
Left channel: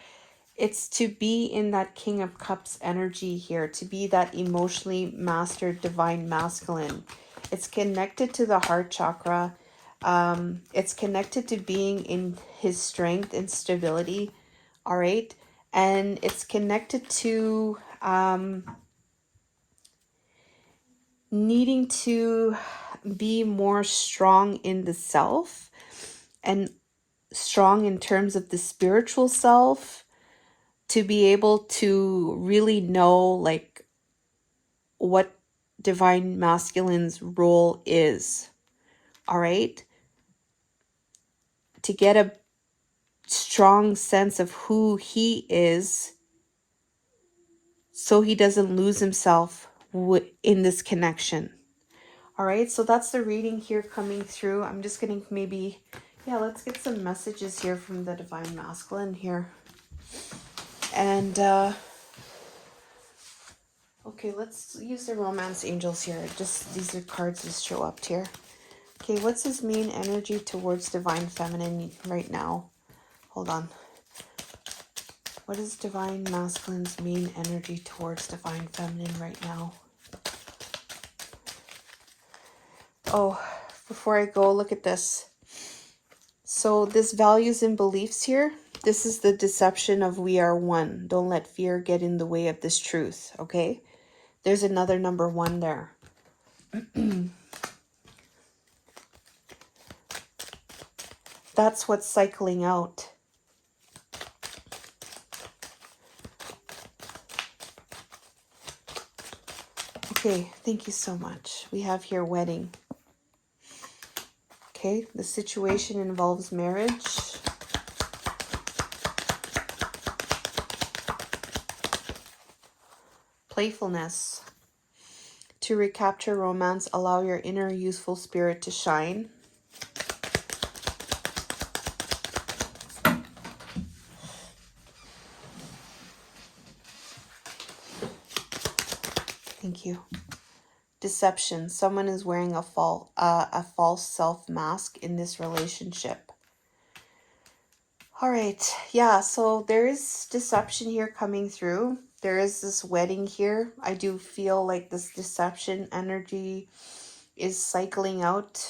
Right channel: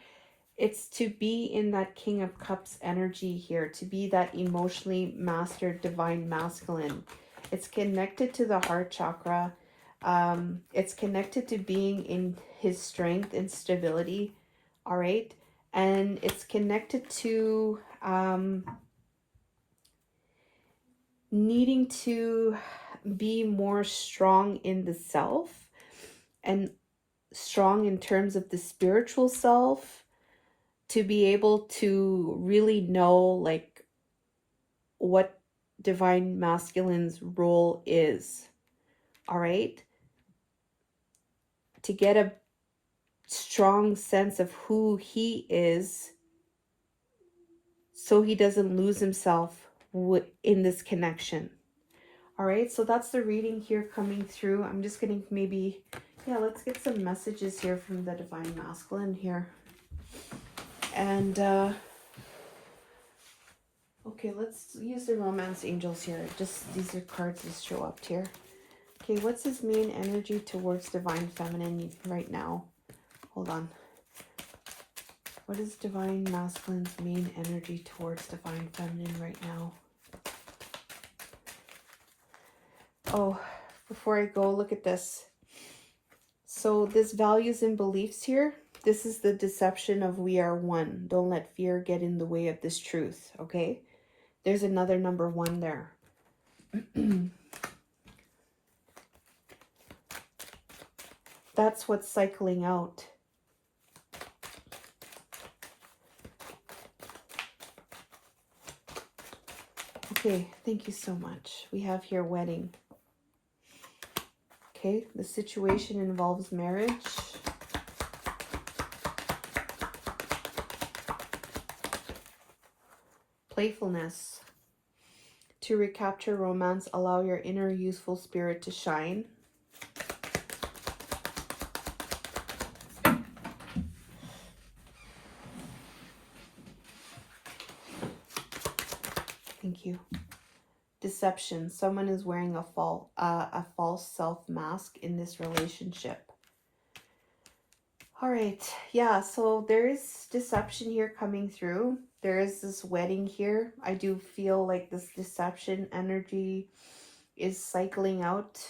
It's to be in that King of Cups energy here, to be that emotionally mastered divine masculine. It's connected to the heart chakra. It's connected to being in his strength and stability, all right? And it's connected to needing to be more strong in the self, and strong in terms of the spiritual self, to be able to really know like what divine masculine's role is, all right? To get a strong sense of who he is, so he doesn't lose himself in this connection. All right, so that's the reading here coming through. I'm just gonna maybe, yeah, let's get some messages here from the divine masculine here. And okay, let's use the romance angels here. Just these are cards that show up here. Okay, what's his main energy towards divine feminine right now? Hold on. What is divine masculine's main energy towards divine feminine right now? Oh, before I go, look at this. So this values and beliefs here, this is the deception of we are one. Don't let fear get in the way of this truth, okay? There's another number 1 there. That's what's cycling out. Okay, thank you so much. We have here wedding. Okay, the situation involves marriage. Playfulness. To recapture romance, allow your inner youthful spirit to shine. Thank you. Deception. Someone is wearing a false self mask in this relationship. All right. Yeah, so there is deception here coming through. There is this wedding here. I do feel like this deception energy is cycling out.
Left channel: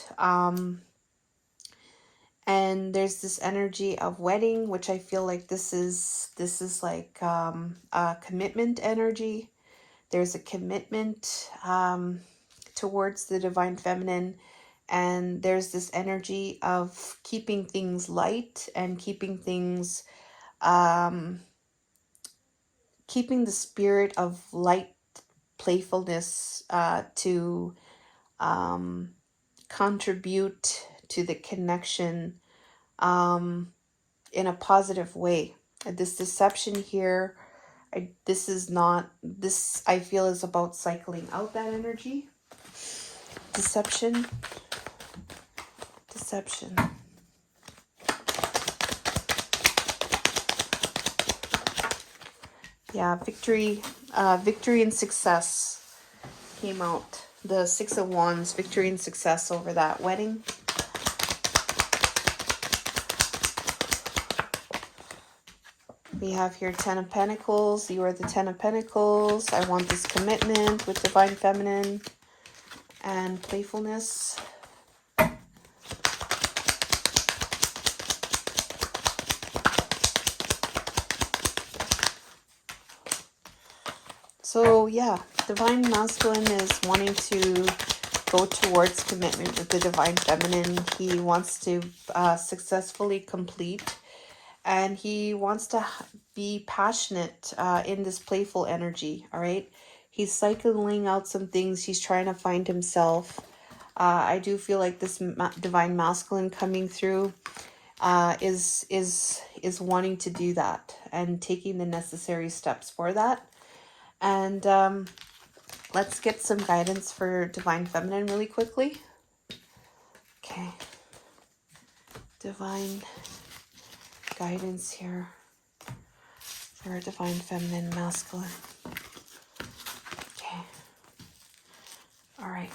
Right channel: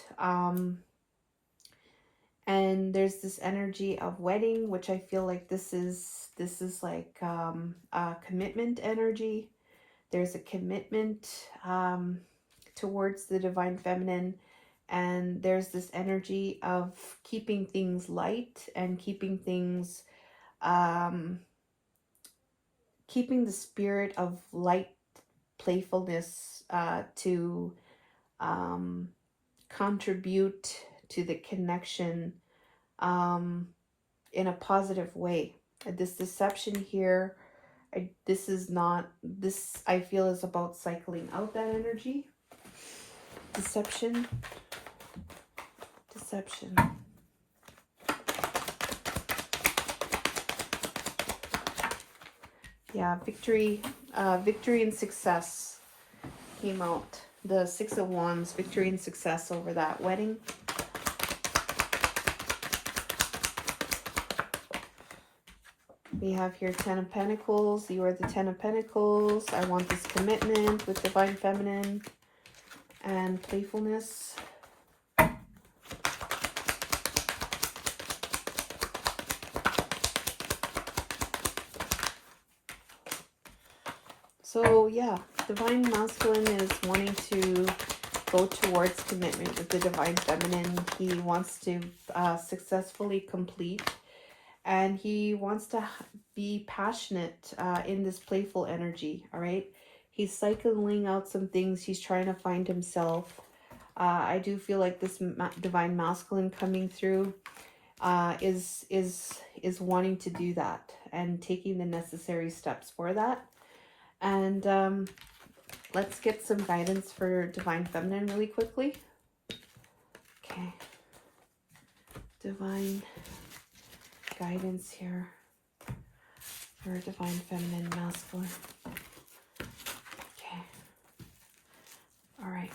And there's this energy of wedding, which I feel like this is like a commitment energy. There's a commitment towards the divine feminine, and there's this energy of keeping things light and keeping things, keeping the spirit of light playfulness to contribute to the connection in a positive way. This deception here, I feel is about cycling out that energy. Deception. Yeah, victory and success came out. The 6 of Wands, victory and success over that wedding. We have here 10 of Pentacles. You are the 10 of Pentacles. I want this commitment with Divine Feminine and playfulness. So yeah, Divine Masculine is wanting to go towards commitment with the Divine Feminine. He wants to successfully complete, and he wants to be passionate in this playful energy, all right? He's cycling out some things. He's trying to find himself. I do feel like this Divine Masculine coming through is wanting to do that and taking the necessary steps for that. And let's get some guidance for Divine Feminine really quickly. Okay. Divine guidance here for Divine Feminine Masculine. Okay. All right.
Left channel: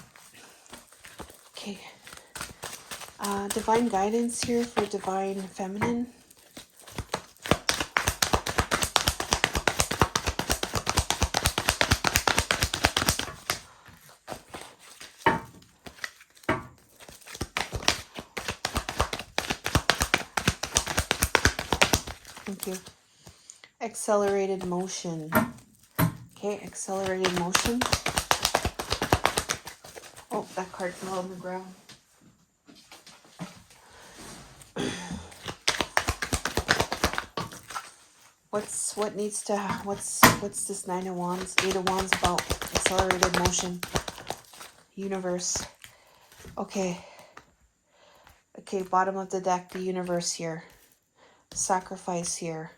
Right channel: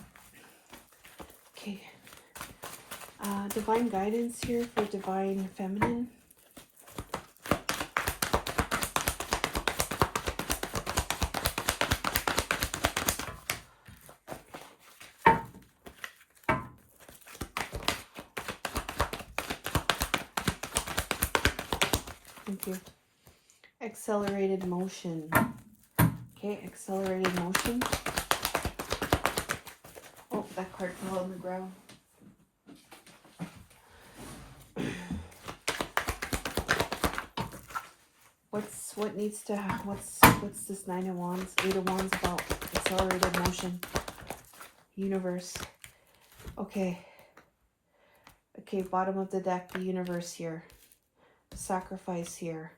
Okay. Divine guidance here for Divine Feminine. Thank you. Accelerated motion. Okay, accelerated motion. Oh, that card fell on the ground. What's this 9 of Wands, 8 of Wands about? Accelerated motion. Universe. Okay. Okay, bottom of the deck, the universe here. Sacrifice here.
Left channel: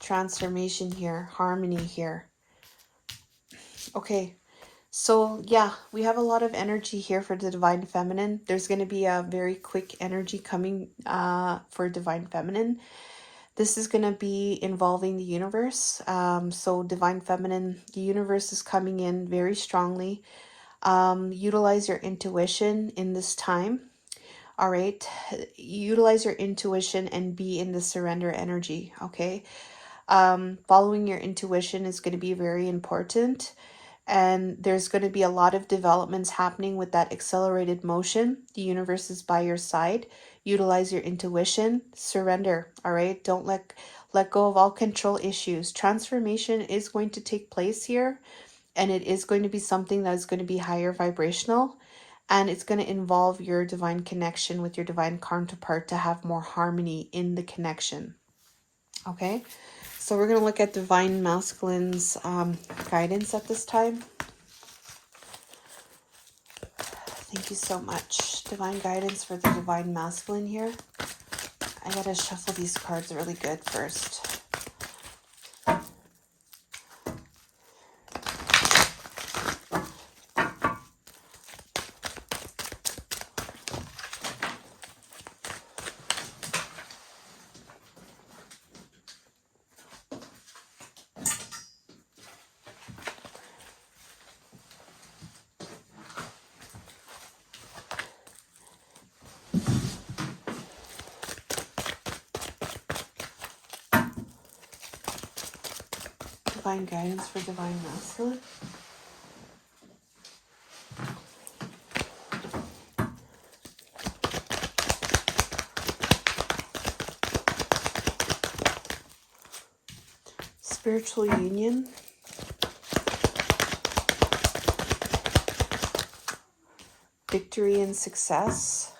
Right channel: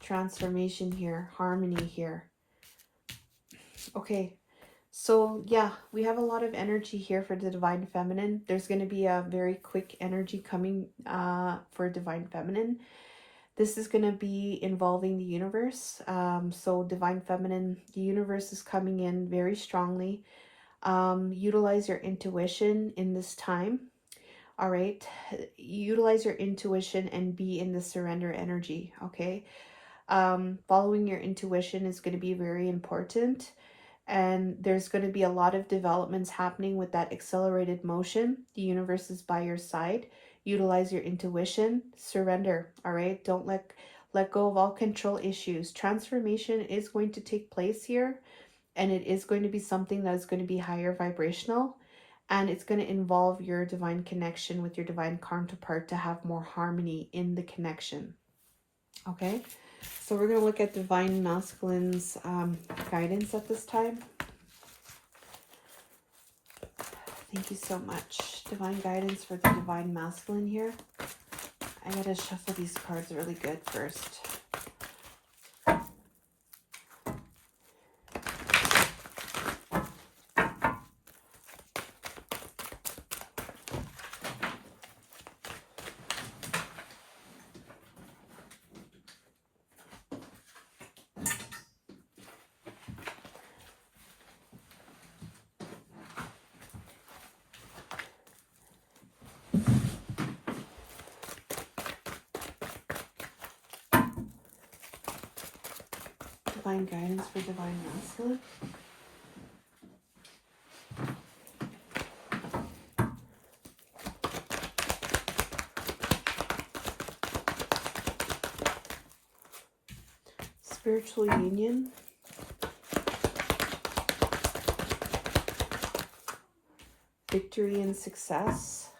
Transformation here. Harmony here. Okay. So yeah, we have a lot of energy here for the Divine Feminine. There's going to be a very quick energy coming for Divine Feminine. This is going to be involving the universe. So Divine Feminine, the universe is coming in very strongly. Utilize your intuition in this time. All right. Utilize your intuition and be in the surrender energy. Okay. Following your intuition is going to be very important. And there's going to be a lot of developments happening with that accelerated motion. The universe is by your side. Utilize your intuition. Surrender. All right. Don't let go of all control issues. Transformation is going to take place here. And it is going to be something that is going to be higher vibrational. And it's going to involve your divine connection with your divine counterpart to have more harmony in the connection. Okay. So we're going to look at Divine Masculine's guidance at this time. Thank you so much. Divine guidance for the Divine Masculine here. I got to shuffle these cards really good first. Divine guidance for Divine Masculine. Spiritual union. Victory and success.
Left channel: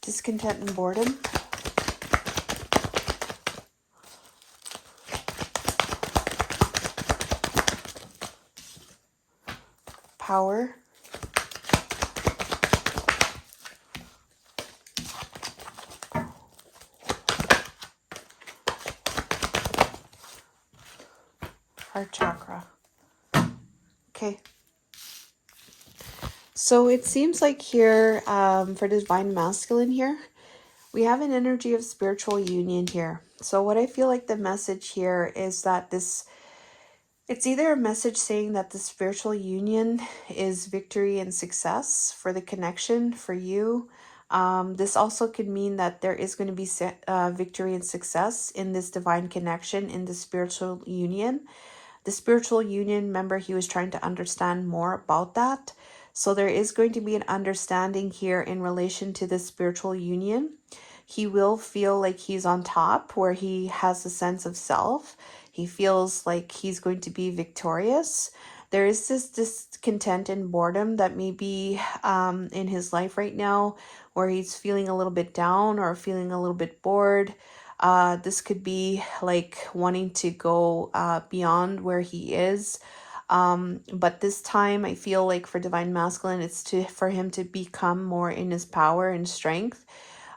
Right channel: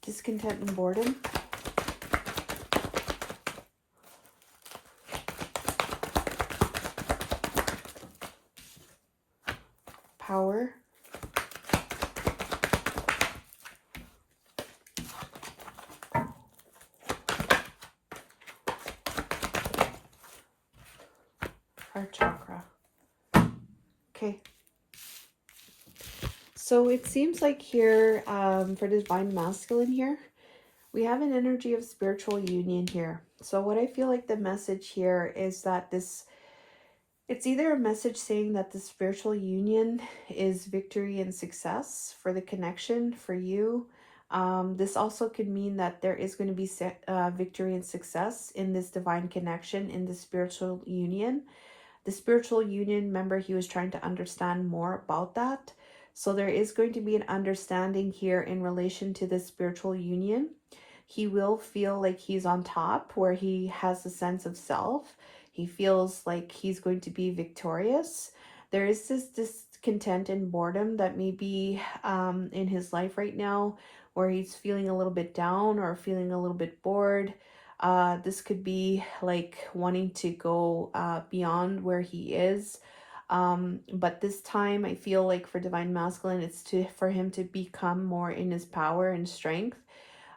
Discontent and boredom. Power. Heart chakra. Okay. So it seems like here for Divine Masculine here, We have an energy of spiritual union here. So what I feel like the message here is that it's either a message saying that the spiritual union is victory and success for the connection for you. This also could mean that there is going to be victory and success in this divine connection, in the spiritual union. The spiritual union, remember, he was trying to understand more about that. So there is going to be an understanding here in relation to the spiritual union. He will feel like he's on top, where he has a sense of self. He feels like he's going to be victorious. There is this discontent and boredom that may be in his life right now, where he's feeling a little bit down or feeling a little bit bored. This could be like wanting to go beyond where he is. But this time I feel like for Divine Masculine, it's for him to become more in his power and strength,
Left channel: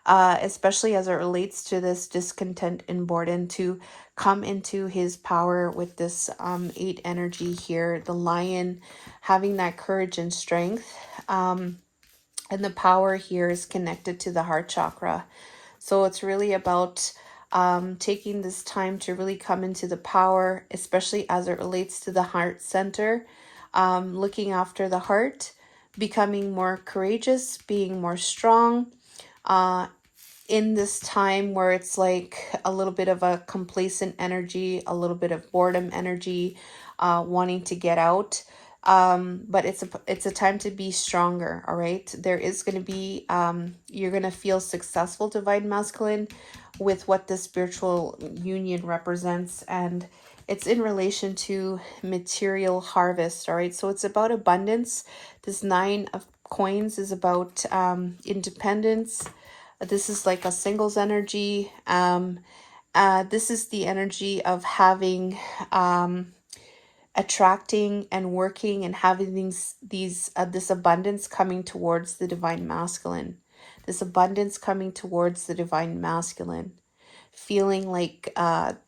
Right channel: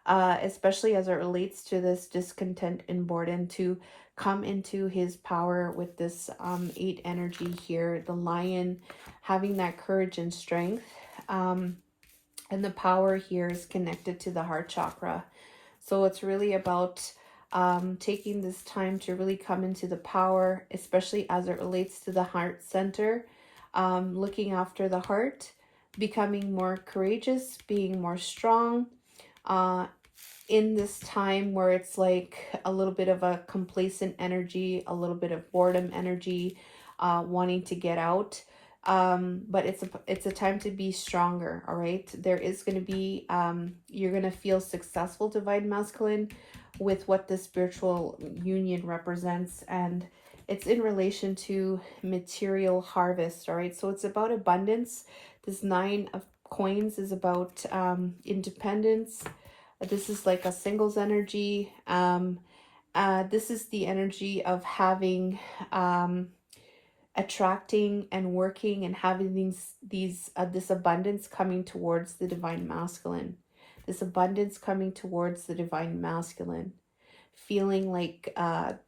especially as it relates to this discontent and boredom, to come into his power with this 8 energy here, the lion, having that courage and strength. And the power here is connected to the heart chakra. So it's really about taking this time to really come into the power, especially as it relates to the heart center, looking after the heart, becoming more courageous, being more strong, in this time where it's like a little bit of a complacent energy, a little bit of boredom energy, wanting to get out. But it's a time to be stronger. All right, there is going to be you're going to feel successful, Divine Masculine, with what the spiritual union represents, and it's in relation to material harvest. All right, so it's about abundance. This 9 of coins is about independence. This is like a singles energy. This is the energy of having attracting and working and having this abundance coming towards the Divine Masculine. This abundance coming towards the Divine Masculine. Feeling like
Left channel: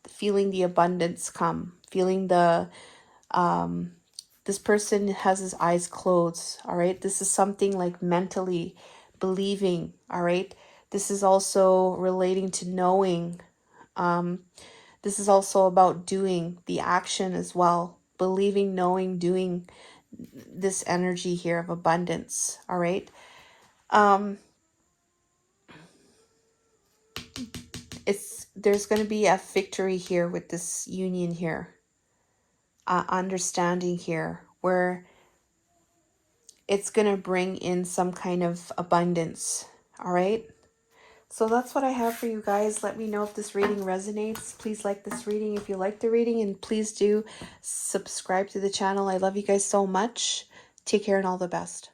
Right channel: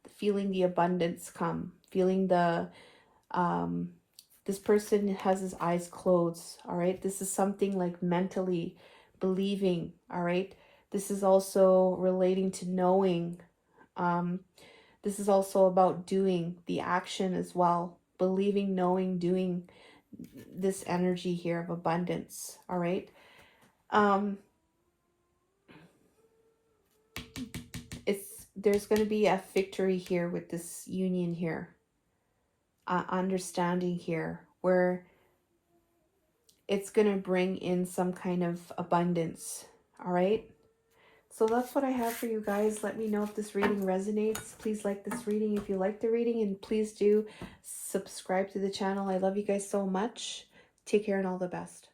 feeling the abundance come. Feeling the this person has his eyes closed. All right. This is something like mentally believing. All right. This is also relating to knowing. This is also about doing the action as well. Believing, knowing, doing, this energy here of abundance. All right. There's going to be a victory here with this union here. Understanding here where it's going to bring in some kind of abundance. All right. So that's what I have for you guys. Let me know if this reading resonates. Please like this reading if you like the reading, and please do subscribe to the channel. I love you guys so much. Take care and all the best.